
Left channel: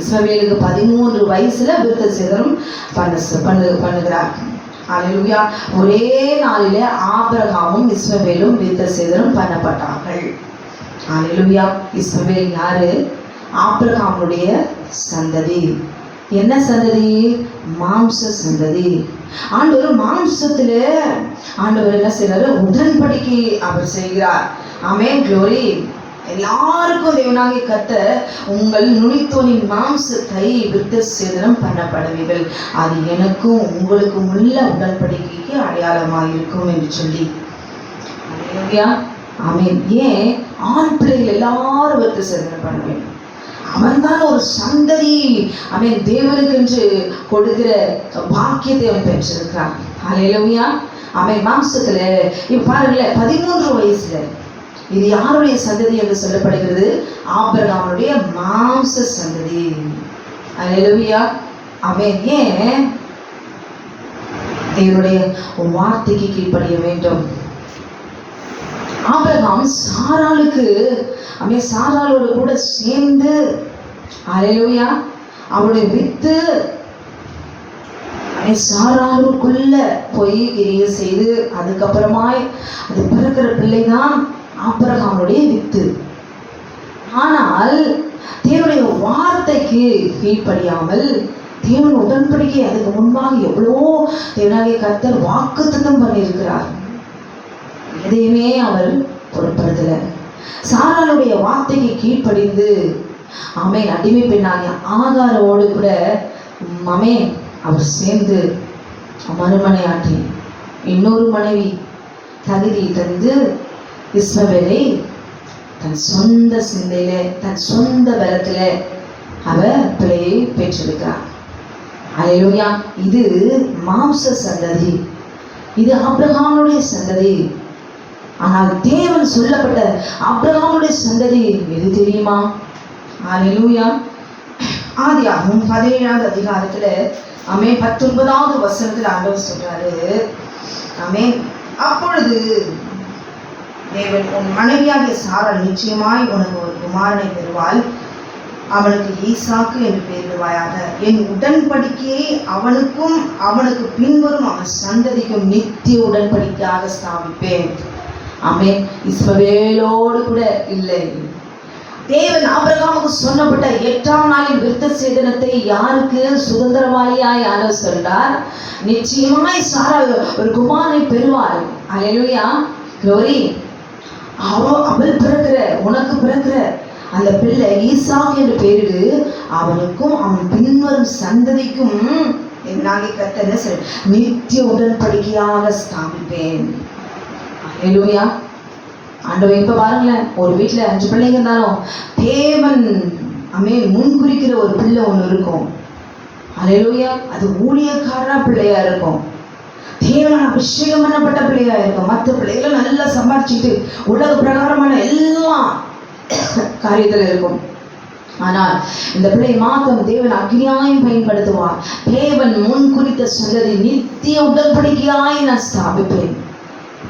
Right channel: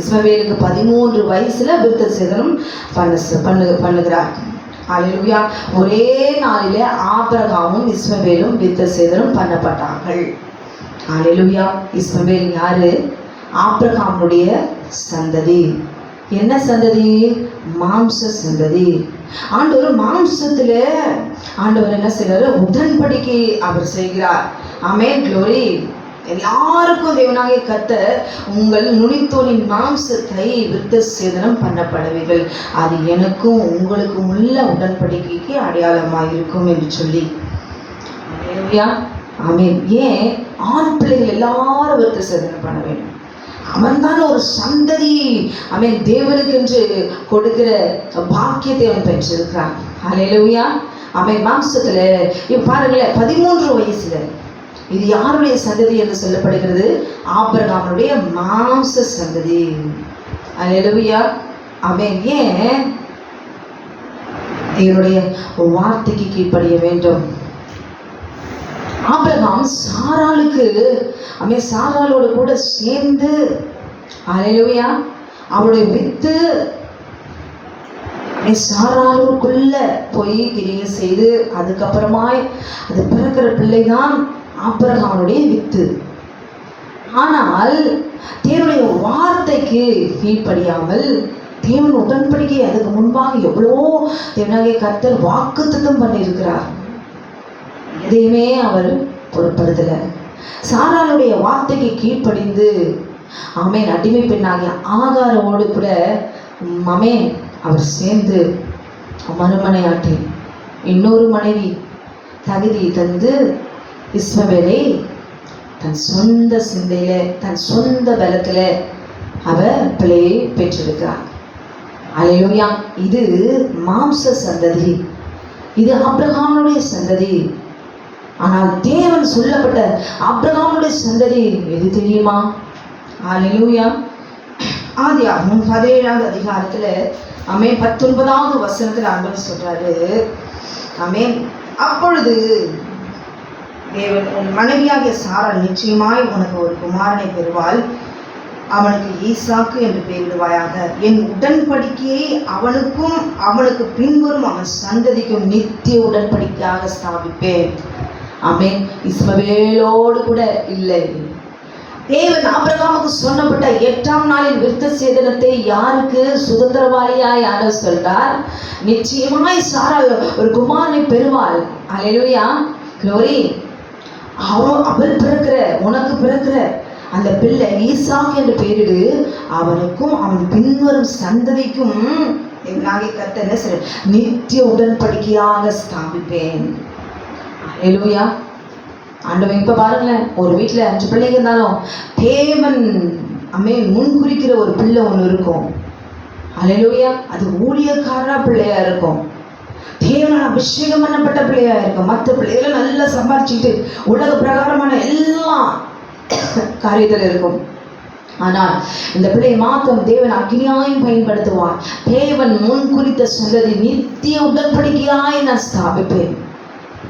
இஸ்மவேலுக்கு 13 வயசுல விருத்த சேதனம் பண்ணுகிறார். ஹல்லேலூயா. ஒரே நாளிலே ஆபிரகாமும் இஸ்மவேலும் விருத்த சேதனம் பண்ணப்பட்டார்கள். ஹல்லேலூயா. இஸ்மவேல் யாரு? ஆபிரகாமுடைய சந்ததி. என்ன சந்ததி? மாம்ச சந்ததி. ஆண்டவர் மாம்சத்துல ஆண்டவர் என்ன செய்யறாரு? உடன்படிக்கை அவர் செய்கிறார். ஆமென். க்ளோரி. எல்லாருக்கும் தேவனாகிய கர்த்தர் உங்கள் நுனித்தோலின் மாம்சத்தை விருத்த சேதனம் பண்ணப்படுவீர்கள். அது எனக்கும் உங்களுக்கும் உள்ள உடன்படிக்கைக்கு அடையாளமாயிருக்கும் என்று சொல்லி. ஹல்லேலூயா. ஆமென். ஏன் ஆண் பிள்ளைகள் எல்லாரும் விருத்த சேதனம் பண்ண வேண்டும்? அவன் தான் ஒரு சந்ததி. அவன் தேவனுக்கு என்று கொடுக்கிற பாக்கியத்தை அவன் பெற்றிருக்கிறான். ஹல்லேலூயா. அவன் மாம்சத்துல இப்ப பாருங்களேன், 13 வயசுல இது யாருடைய சந்ததி என்று சொல்லப்படுகிறது? ஆபிரகாமுடைய மாம்ச சந்ததி. ஹல்லேலூயா. அவன் ஏன் தேவனுடைய ஒரு வார்த்தைக்கு கீழ்ப்படிய வேண்டும்? ஆபிரகாம் சாராளுக்கு அவன் சாராளோடு கூட சேர்ந்து ஹல்லேலூயா அவருடைய வித்து சாராளுக்குள்ள போய் கிரியை செய்து அதுக்கப்புறமா அது பிறக்கிற பிள்ளைதான் ஆபிரகாமுடைய வித்து. ஆனால் தேவனுடைய வார்த்தைக்கு கீழ்ப்படியாமல் தேவன் உடன்படிக்கை அதுக்கு முன்பாக எவ்வளோ தேவனாகிய கர்த்தர் வாக்குத்தத்தம் பண்ணியிருக்கிறார். எதையுமே அவர் பொருட்படுத்தல. சாராளுடைய வார்த்தைக்கு கீழ்ப்படிந்து ஆமென் அடிமை பெண்ணாகிய ஆகாரோடு கூட ஆமென் அவர் சேர்ந்து மறுமனையாட்டி இன்னொரு மனைவி தகுதி தந்து இஸ்மவேலை தன் சொந்த சிந்தையிலே தன் சொந்த பலத்திலே அவர் பிள்ளையை பெற்றிருக்கிறார். அல்லேலூயா. இது மாம்ச சந்ததி, இது ஆபிரகாமுடைய சந்ததி. ஆனால் தேவன் சொல்லப்பட்ட ஆபிரகாமுடைய சந்ததி எது தெரியுமா? அல்லேலூயா. ஆதியாகமம் 17வது அதிகாரத்துல 19வது வசனத்துல ஆண்டவர் சொல்றாரு, அப்பொழுது தேவன், உன் மனைவியாகிய சாராள் நிச்சயமாய் உனக்கு ஒரு குமாரனை பெறுவாள், அவனுக்கு ஈசாக்கு என்று பெயரிடுவாயாக. என் உடன்படிக்கையை அவனுக்கும் அவனுக்கு பின்வரும் அவன் சந்ததிக்கும் நித்திய உடன்படிக்கையாக ஸ்தாபிப்பேன். ஆமென். இஸ்ரவேலோடு கூட இல்லை. தேவன் ஆபிரகாமுக்கு சொன்னப்பட்ட 8ஆம் நாளின் விருத்த சேதனத்தை யாருக்கு சுதந்திரவாளியாய் ஆண்டவர் சொல்றார்? நிச்சயமாய் சாராள் ஒரு குமாரனை பெறுவாள். அல்லேலூயா. க்ளோரி. அவள் பிறக்கிற, உனக்கு பிறக்கிற அந்த பிள்ளை ஈசாக்கு என்று பெயரிடு, அவனுக்கும் அவன் பின்வரும் சந்ததிக்கும் கர்த்தர் நித்திய உடன்படிக்கையாக ஸ்தாபிப்பேன். அல்லேலூயா. ஆண்டவர் இப்ப பாருங்களேன், ஒரு வீட்டுல 5 பிள்ளைங்க இருந்தாலும் தேவன் முன்குறிக்கிற ஒரு பிள்ளை ஒண்ணு இருக்கும். அல்லேலூயா. அது ஊழியக்காரா பிள்ளையா இருக்கும், தேவன் அபிஷேகம் பண்ணப்பட்ட பிள்ளையா இருக்கும். மற்ற பிள்ளைகளை நல்லா சம்பாதிச்சுட்டு உலக பிரகாரமான எல்லாம் காரியத்தில் இருக்கும். ஆனால் இந்த பிள்ளையை மாத்திரம் தேவன் அக்னியாயும் பயன்படுத்துவார். தேவன் முன் குறித்த சந்ததி நித்திய உடன்படிக்கையாய் நான் ஸ்தாபிப்பேன்.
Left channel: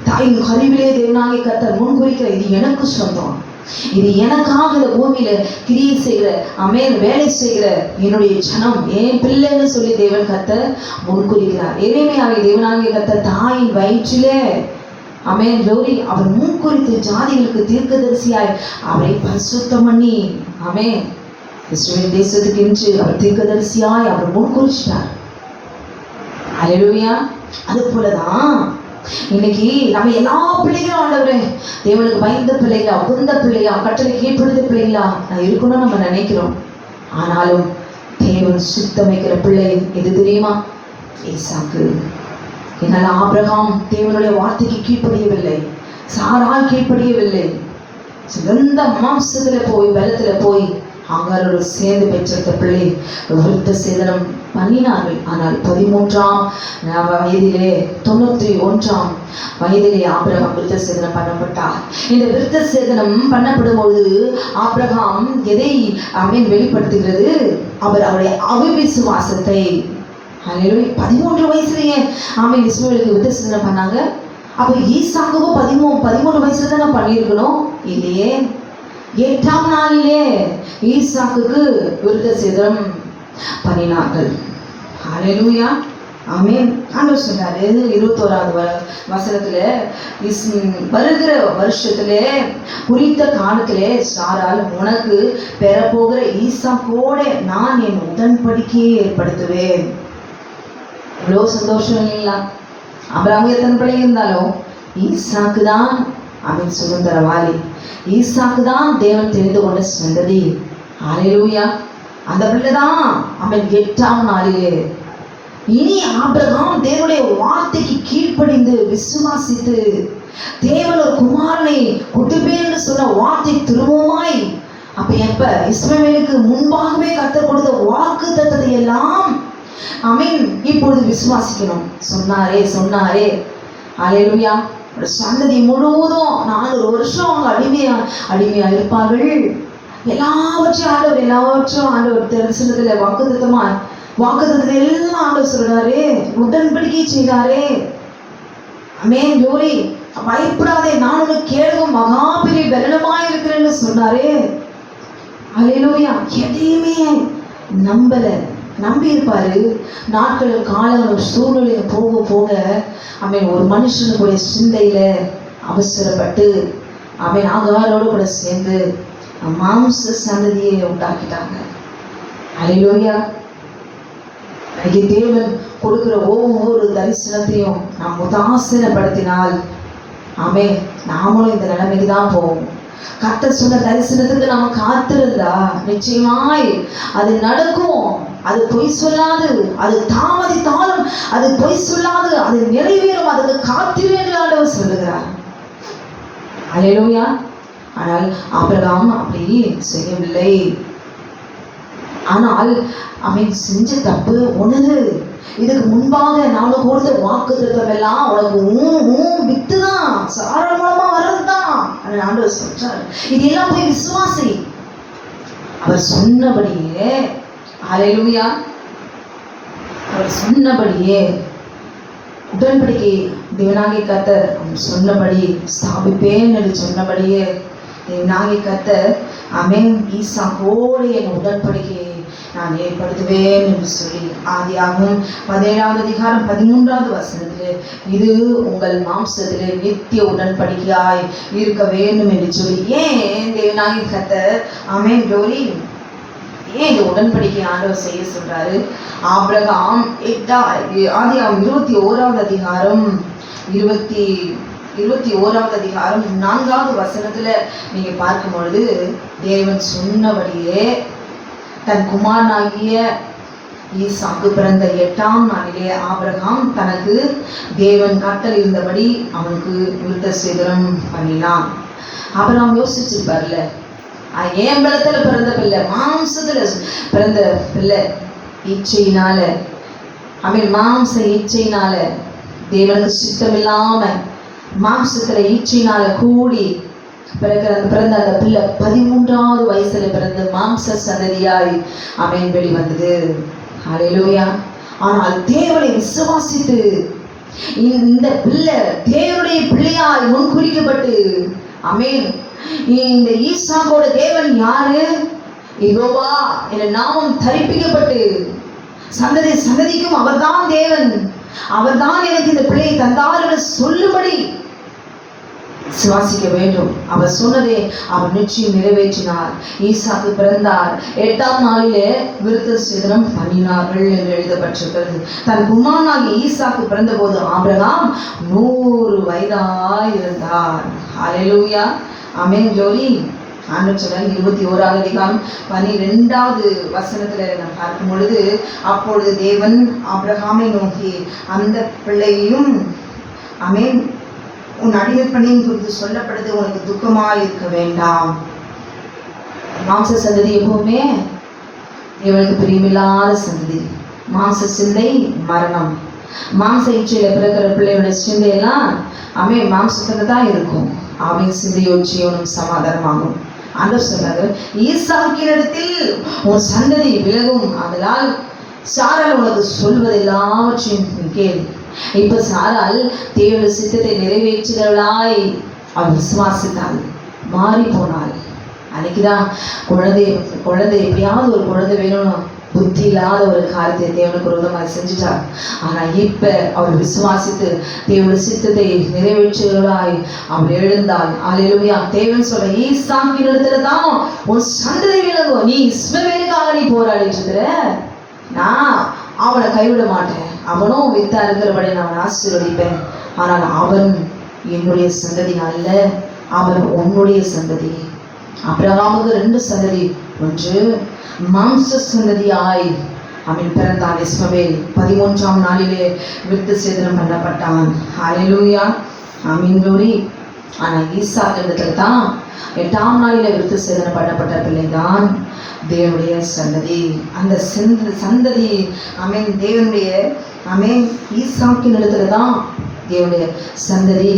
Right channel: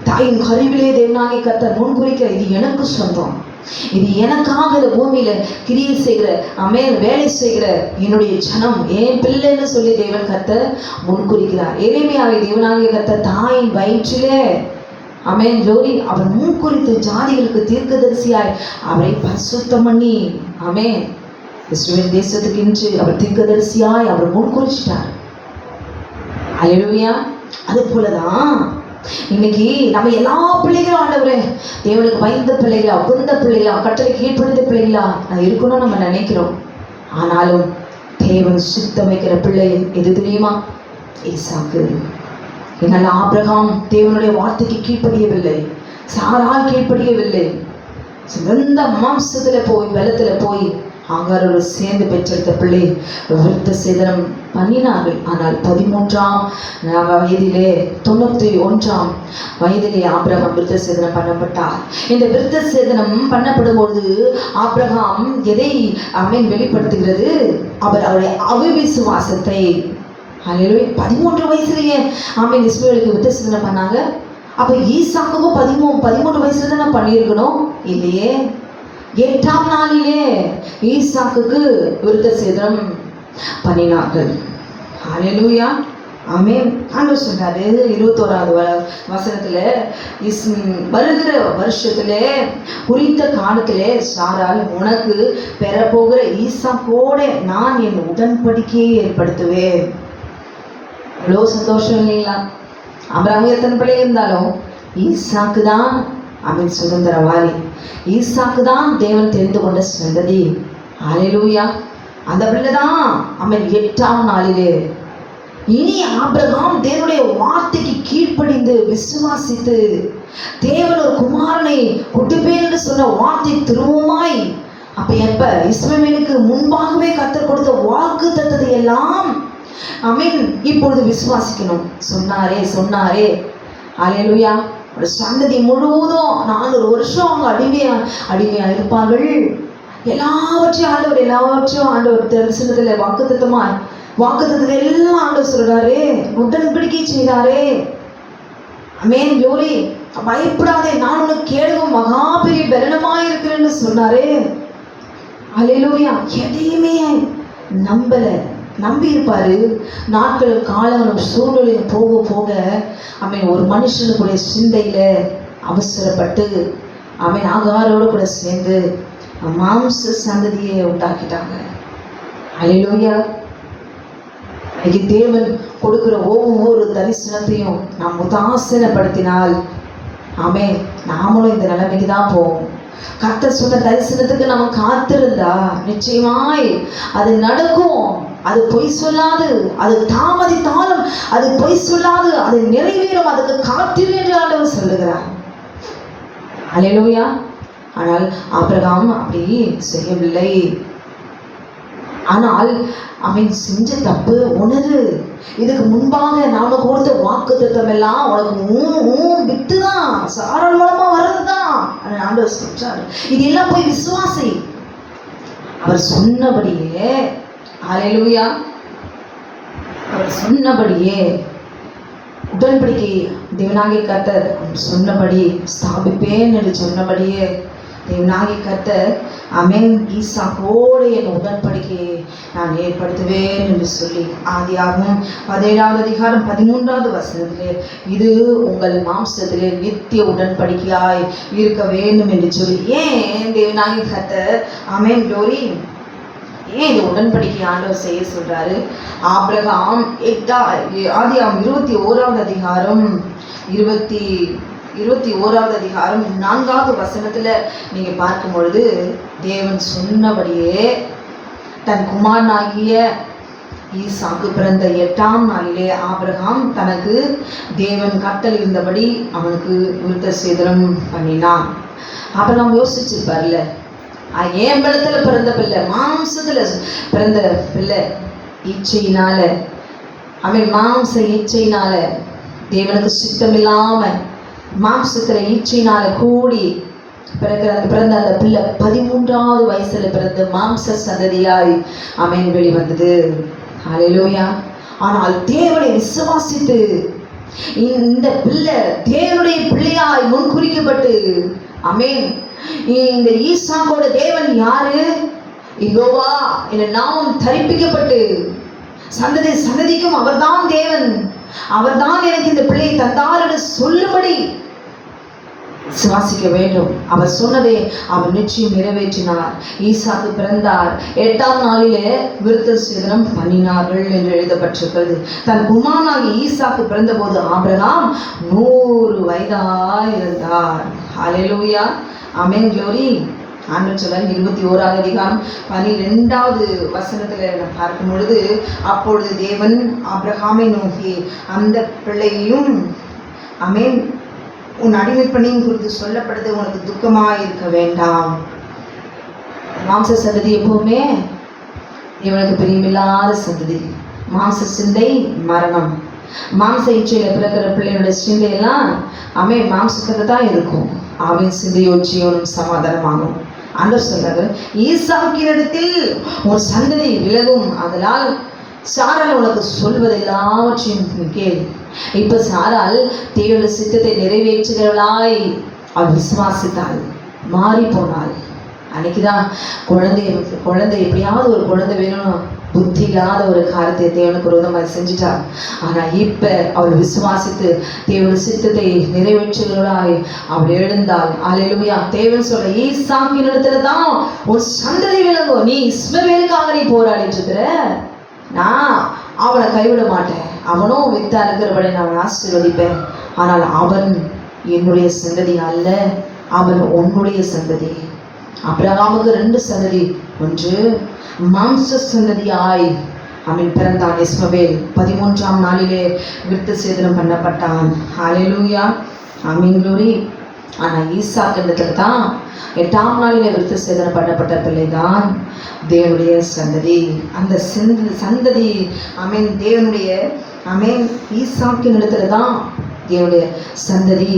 தாயின் கருவிலே தேவனாகிய கர்த்தர் முன் குறிக்கிற, இது எனக்கு சொந்தம், இது எனக்காக இந்த பூமியில கிரியை செய்கிற வேலை செய்கிற என்னுடைய ஜனம் என் பிள்ளைன்னு சொல்லி தேவன் கர்த்தர் முன்குறிக்கிறார். எளிமையாக தேவனாகிய கர்த்தர் தாயின் வயிற்றிலே ஜோரி அவர் முன்குறித்து ஜாதிகளுக்கு தீர்க்கதரிசியாய் அவரை பரிசுத்தம் பண்ணி இஸ்ரவேல் தேசத்துக்கு இன்று அவர் தீர்க்கதரிசியாய் அவர் முன்குறிச்சிட்டார். அல்லேலூயா. அது போலதான் இன்னைக்கு நம்ம எல்லா பிள்ளைகளும் ஆண்டவரே தேவனுக்கு பயந்த பிள்ளைகளா, உகந்த பிள்ளைகளா, கட்டளை கீழ்ப்படுத்த பிள்ளைகளா நான் இருக்கணும்னு நம்ம நினைக்கிறோம். ஆனாலும் தேவன் சித்தமைக்கிற பிள்ளை எது தெரியுமா? ஈசாக்கு. என்னால் ஆபிரகாம் தேவனுடைய வார்த்தைக்கு கீழ்ப்படியவில்லை, சாராள் கீழ்ப்படியவில்லை. சிறந்த மாம்சத்துல போய் பலத்துல போய் ஆகாரோடு சேர்ந்து பெற்றெடுத்த பிள்ளை விருத்த சேதனம் பண்ணினார்கள். ஆனால் 13ஆம் வயதிலே 91ஆம் வயதிலே ஆபிரகாம் விருத்த சேதனம் பண்ணப்பட்டார். இந்த விருத்த சேதனம் பண்ணப்படும் பொழுது ஆபிரகாம் எதை வெளிப்படுத்துகிறது? அவருடைய அவிசுவாசத்தை. 13 வயசுலயே இஸ்ரவேலுக்கு விருத்த சேதனம் பண்ணாங்க. அப்ப ஈசாக்குக்கும் 13 வயசுல தான் பண்ணியிருக்கணும் இல்லையே. 8ஆம் நாளிலே ஈசாக்குக்கு விருத்த சேதனம் பண்ணினார்கள். ஹல்லேலூயா. ஆமென். ஆண்டவர் சொன்னாரு 21வது வசனத்துல, வருகிற வருஷத்திலே குறித்த காலத்திலே சாராள் உனக்கு பெறப்போகிற ஈசாக்கோட நான் என் உடன்படிக்கையை ஏற்படுத்துவேன். எவ்வளோ சந்தோஷம் இல்லைங்களா? ஆபிரகாம் எத்தனை பிள்ளை இருந்தாலும் ஈசாக்கு தான் சுதந்திரவாளி. ஈசாக்கு தான் தேவன் தெரிந்து கொண்ட சந்ததி. ஹல்லேலூயா. அந்த பிள்ளைதான் 8ஆம் நாளிலே. இனி ஆபிரகாம் தேவனுடைய வார்த்தைக்கு கீழ்ப்படிந்து விசுவாசித்து தேவன் ஒரு குமாரனை கொடுப்பேன் என்று சொன்ன வார்த்தை திரும்பவுமாய் எப்ப இஸ்ரவேலுக்கு முன்பாகவே கர்த்தர் கொடுத்த வாக்கு தத்தத்தை எல்லாம் இப்பொழுது விசுவாசிக்கணும். சொன்னாரே ஹல்லேலூயா. ஒரு சந்ததி முழுவதும் 4 வருஷம் அவங்க அடிமையா இருப்பார்கள். எல்லாவற்றையும் ஆண்டவர் தரிசனத்துல வாக்குத்தத்தத்தை எல்லாம் ஆண்டவர் சொல்றாரு, உடன்படிக்கை செய்தாரே. ஜோரி பயப்படாதே, நான் உனக்கு கேளும் மகா பெரிய பலனமாய் இருக்கிறேன்னு சொன்னாரே. ஹல்லேலூயா. எதையுமே நம்பி இருப்பாரு. நாட்கள் காலங்கள் சூழ்நிலை போக போக ஒரு மனுஷனுடைய சிந்தையில அவசரப்பட்டு ஆகாரோடு கூட சேர்ந்து மாம்ச சந்ததியை உண்டாக்கிட்டாங்க. ஹல்லேலூயா. தேவன் கொடுக்கிற ஒவ்வொரு தரிசனத்தையும் நாம் உதாசீனப்படுத்தினால் நாமளும் இந்த நிலைமைக்கு தான் போவோம். கர்த்தர் சொன்ன தரிசனத்துக்கு நம்ம காத்திருந்தா நிச்சயமாய் அது நடக்கும். அது பொய் சொல்லாது, அது தாமதித்தாலும் அது பொய் சொல்லாது, அது நிறைவேறும். அதுக்கு காத்திரு என்று ஆண்டவர் சொல்லுகிறார். ஹல்லேலூயா. ஆனால் ஆபிரகாம் அப்படி செய்யவில்லை. ஆனால் அவன் செஞ்ச தப்பு உணரு. இதுக்கு முன்பாக நாம கொடுத்த வாக்கு தத்துவம் எல்லாம் உனக்கு வித்துதான், சாராள் மூலமா வர்றதுதான் ஆண்டவர் சொல்றாரு. இது எல்லாம் போய் விசுவாசி. அவர் சொன்னபடியே, ஹல்லேலூயா, அவர் சொன்னபடியே உடன்படிக்கை தேவனாகிய கர்த்தர் சொன்னபடி ஸ்தாபிப்பேன் என்று சொன்னபடியே தேவனாகிய கர்த்தர் ஆமென் ஈசாக்கோடு என் உடன்படிக்கையை நான் ஏற்படுத்துவேன் என்று சொல்லி ஆதியாகமம் 17வது அதிகாரம் 13வது வசனத்திலே இது உங்கள் மாம்சத்திலே நித்திய உடன்படிக்கையாய் இருக்க வேண்டும் என்று சொல்லி ஏன் தேவனாகிய கர்த்தர் ஆமென் க்ளோரி ஏன் இந்த உடன்படிக்கை ஆண்டவர் செய்ய சொல்றாரு? ஆபிரகாம் ஆதியாகமம் 21வது அதிகாரம் 21வது அதிகாரம் 4வது வசனத்துல நீங்க பார்க்கும் பொழுது தேவன் சொன்னபடியே தன் குமாரனாகிய ஈசாக்கு பிறந்த 8ஆம் நாளிலே ஆபிரகாம் தனக்கு தேவன் கட்டளை இருந்தபடி அவனுக்கு விருத்த சேதனம் பண்ணினான். ஆபிரகாம் யோசிச்சிருப்பார்ல, ஏன் பலத்துல பிறந்த பிள்ளை, மாம்சத்துல பிறந்த பிள்ளை, இச்சையினால மாம்ச இச்சையினால தேவனுக்கு சித்தம் இல்லாம மாம்சத்துல இச்சையினால கூடி பிறந்த அந்த பிள்ளை 13வது வயசுல பிறந்த மாம்ச சந்ததியாய் வெளிவந்தது. ஹல்லேலூயா. ஆனால் தேவனை விசுவாசித்து இந்த பிள்ளை தேவனுடைய பிள்ளையாய் முன்குறிக்கப்பட்டு இந்த ஈசாக்கோட தேவன் யாரு? யெகோவா என்ற நாமம் தரிப்பிக்கப்பட்டு சந்ததிக்கும் அவர்தான் தேவன், அவர்தான் எனக்கு இந்த பிள்ளையை தந்தார் என்று சொல்லும்படி விசுவாசிக்க வேண்டும். அவர் சொன்னதை அவர் நிச்சயம் நிறைவேற்றினார். ஈசாக்கு பிறந்தார், 8ஆம் நாளிலே விருத்த சேதனம் பண்ணினார்கள் என்று எழுதப்பட்டிருக்கிறது. தன் குமாரனாகிய ஈசாக்கு பிறந்த போது ஆபிரகாம் 100 வயதாய் இருந்தார். ஹல்லேலூயா, ஆமென், க்ளோரி. ஆண்டவர் சொல்றார் 21வது அதிகாரம் 12வது வசனத்துல நான் பார்க்கும் பொழுது அப்பொழுது தேவன் ஆபிரகாமை நோக்கி அந்த பிள்ளையையும் ஆமென் உன் அடிமைப்பணியின் குறித்து சொல்லப்படுது உனக்கு துக்கமாய் இருக்க வேண்டாம். மாம்ச சந்ததி எப்பவுமே இவனுக்கு பிரியமில்லாத சந்ததி. மாம்ச சிந்தை மரணம். மாம்ச இச்சையில பிறக்கிற பிள்ளையோட சிந்தையெல்லாம் மாம்சத்துல தான் இருக்கும். அவன் சிந்தையோ ஜீவனும் சமாதானமாகும். ஆண்டவர் சொல்றாரு, ஈசாக்கினிடத்தில் உன் சந்ததி விலகும், அதனால் சாராள் உனக்கு சொல்வது எல்லாவற்றையும் கேள். இப்ப சாராள் தேவனுடைய சித்தத்தை நிறைவேற்றுகிறவளாய் அவள் விசுவாசித்தாள், மாறி போனாள். அன்னைக்குதான் குழந்தை எப்படியாவது ஒரு குழந்தை வேணும், புத்தி இல்லாத ஒரு காரியத்தை தேவனுக்கு விரோதமாக செஞ்சுட்டா. ஆனா இப்ப அவள் விசுவாசித்து தேவனுடைய சித்தத்தை நிறைவேற்றுகிறவளாய் அவள் எழுந்தாள். அல்லேலூயா. தேவன் சொல்ற ஈசாக்கின் இடத்துல தான் ஒரு சந்ததி விளங்கும். நீ இஸ்மவேலுக்காக நீ போராடிட்டு இருக்கிற, நான் அவனை கைவிட மாட்டேன். அவனும் வித்தா இருக்கிறபடி நான் ஆசீர்வதிப்பேன். ஆனால் அவன் என்னுடைய சந்ததி அல்ல, அவன் உன்னுடைய சந்ததி. ஆபிரகாமுக்கு 2 சந்ததி. ஒன்று மாம்ச சந்ததியாய் அவன் பிறந்தான் இஸ்மவேல். 13ஆம் நாளிலே விருத்த சேதனம் பண்ணப்பட்டான். ஹல்லேலூயா, ஆமென், க்ளோரி. ஆனா ஈசாக்கு தான் 8ஆம் நாளிலே விருத்த சேதனம் பண்ணப்பட்ட பிள்ளைதான் தேவனுடைய சந்ததி. அந்த சந்ததி தேவனுடைய ஈசாக்கின் இடத்துல தான் தேவனுடைய சந்ததி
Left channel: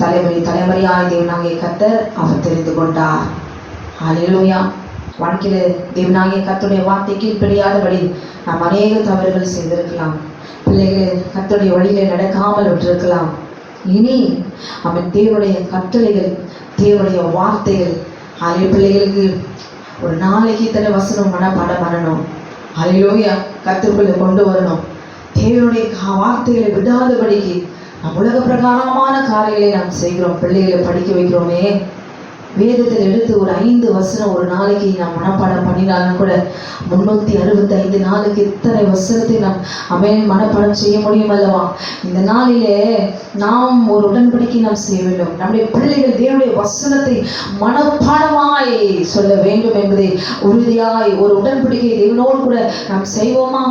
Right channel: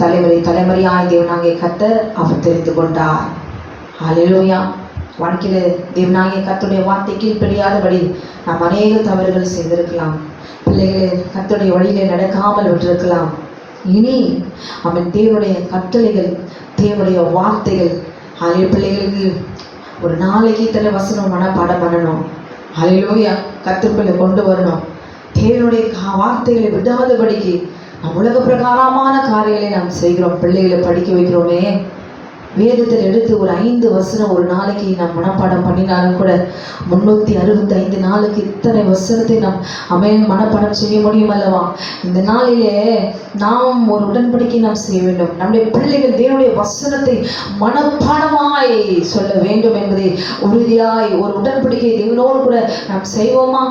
தலைமுறையாய் தேவனாகிய கர்த்தர் அவர் தெரிந்து கொண்டார். ஹல்லேலூயா. வாழ்க்கையில தேவனாகிய கர்த்தருடைய வார்த்தை கீழ்ப்படியாதபடி நாம் அநேக தவறுகள் செய்திருக்கலாம். பிள்ளைகளை கர்த்தருடைய வழியிலே நடக்காமல் விட்டிருக்கலாம். இனி அவன் தேவனுடைய கட்டளைகள், தேவனுடைய வார்த்தைகள், பிள்ளைகளுக்கு ஒரு நாளைக்கு இத்தனை வசனம் மனப்பாடம் பண்ணணும். ஹல்லேலூயா. கர்த்தருக்குள்ள கொண்டு வரணும். தேவனுடைய வார்த்தைகளை விடாதபடிக்கு உலக பிரகாரமான காரியங்களை நாம் செய்கிறோம். பிள்ளைகளை படிக்க வைக்கிறோமே, வேதத்தில் எடுத்து ஒரு 5 வசனம் ஒரு நாளைக்கு நாம் மனப்பாடம் பண்ணினாலும் கூட 365 நாளுக்கு இத்தனை வசனத்தை நாம் மனப்பாடம் செய்ய முடியும் அல்லவா? இந்த நாளிலே நாம் ஒரு உடன்படிக்கை நாம் செய்ய வேண்டும். நம்முடைய பிள்ளைகள் தேவனுடைய வசனத்தை மனப்பாடமாய் சொல்ல வேண்டும் என்பதை உறுதியாய் ஒரு உடன்படிக்கை தேவனோடு கூட நாம் செய்வோமா?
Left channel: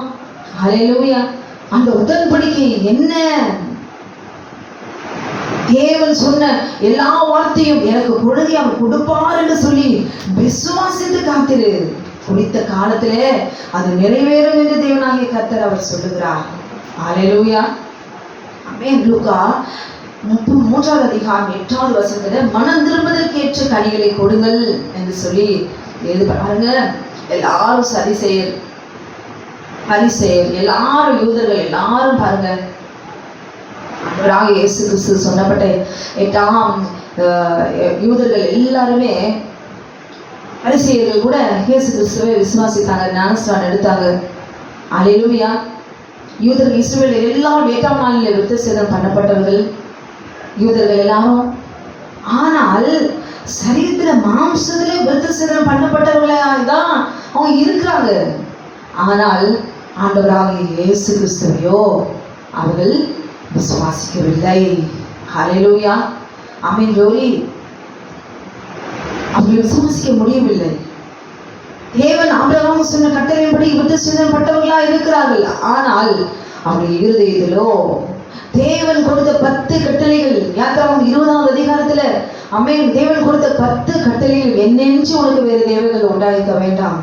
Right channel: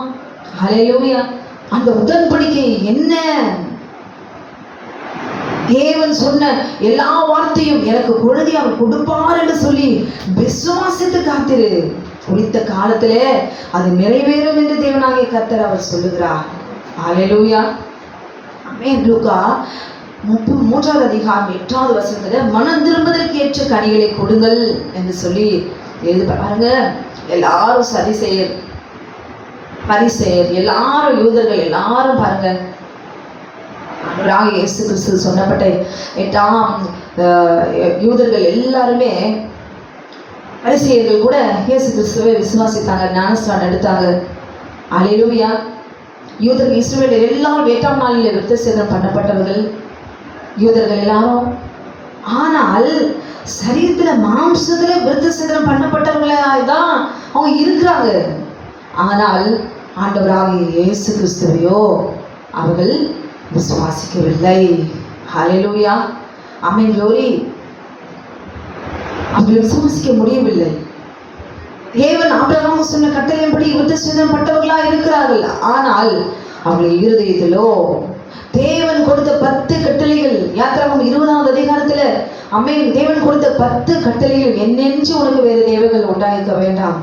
ஹல்லேலூயா. அந்த உடன்படிக்கை என்ன? தேவன் சொன்ன எல்லா வார்த்தையும் எனக்கு பொழுது அவர் கொடுப்பார் என்று சொல்லி விசுவாசித்து காத்திரு. குறித்த காலத்திலே அது நிறைவேறும் என்று தேவனாகிய கர்த்தர் அவர் சொல்லுகிறார். ஹல்லேலூயா. ஆமென். லூக்கா 3வது அதிகாரம் 8வது வசனத்துல மனம் திரும்புவதற்கு ஏற்ற கனிகளை கொடுங்கள் என்று சொல்லி எழுதி பாருங்க. எல்லாரும் பரிசேயர் எல்லாரும் யூதர்கள் எல்லாரும் பாருங்க, ஆண்டவராகிய இயேசு கிறிஸ்து சொன்னப்பட்ட 8ஆம் யூதர்கள் எல்லாருமே பரிசேயர்கள் கூட இயேசு கிறிஸ்துவை விசுவாசித்தாங்க, ஞானஸ்நானம் எடுத்தாங்க. அல்லேலூயா. யூதர்கள் இஸ்ரவேலர் எல்லாரும் 8ஆம் நாளிலே விருத்தசேதனம் பண்ணப்பட்டவர்கள் யூதர்கள் எல்லாரும். ஆனால் சரீரத்துல மாம்சத்திலே விருத்தசேதனம் பண்ணப்பட்டவர்களாதான் அவங்க இருக்கிறாங்க. ஆனால் ஆண்டவராகிய இயேசு கிறிஸ்துவையோ அவர்கள் விசுவாசிக்கவில்லை. ஹல்லேலூயா. ஆமென். glory. அவர்கள் விசுவாசிக்க முடியவில்லை. தேவன் ஆபிரகாமுக்கு சொன்ன கட்டளையின்படி விருத்தசேதனம் பட்டவர்களா இருக்கிறார்கள். ஆனால் அவர்கள் இருதயத்திலோ தேவன் கொடுத்த 10 கட்டளைகள், யாத்திராகமம் 20வது அதிகாரத்துல ஆமென், தேவன் கொடுத்த 10 கட்டளைகள் என்னென்று உனக்கு வேறு தேவர்கள் உண்டாயிருக்க வேண்டாம்.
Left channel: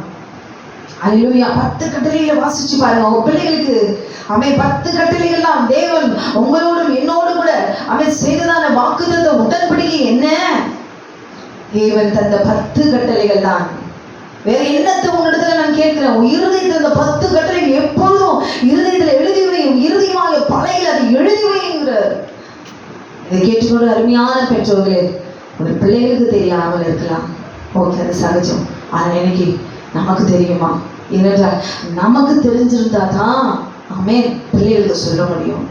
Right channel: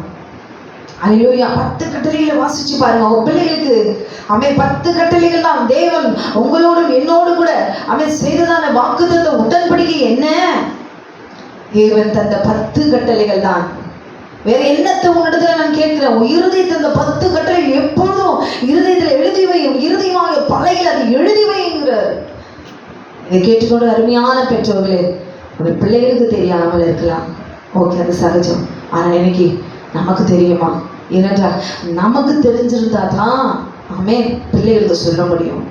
அல்லேலூயா. 10 கட்டளைகளை வாசிச்சு பாருங்க உங்க பிள்ளைகளுக்கு. ஆமென். 10 கட்டளைகள் தான் தேவன் உங்களோடும் என்னோடு கூட ஆமென் செய்ததான வாக்குத்தத்த உடன்படிக்கை என்ன? தேவன் தந்த 10 கட்டளைகள் தான். வேற என்னத்தை உன்னிடத்துல நான் கேட்கிறேன், இருதயத்தில் அந்த 10 கட்டளை எப்பொழுதும் இருதயத்தில் எழுதி வையும், இறுதியாக பலையில் அதை எழுதி வைங்கிற. இதை கேட்டுக்கொண்டு அருமையான பெற்றோர்களே, உங்கள் பிள்ளைகளுக்கு தெரியாமல் இருக்கலாம், ஓகே, அது சகஜம். ஆனால் எனக்கு நமக்கு தெரியுமா? ஏனென்றால் நமக்கு தெரிஞ்சிருந்தா தான் ஆமென் பிள்ளைகளுக்கு சொல்ல முடியும்.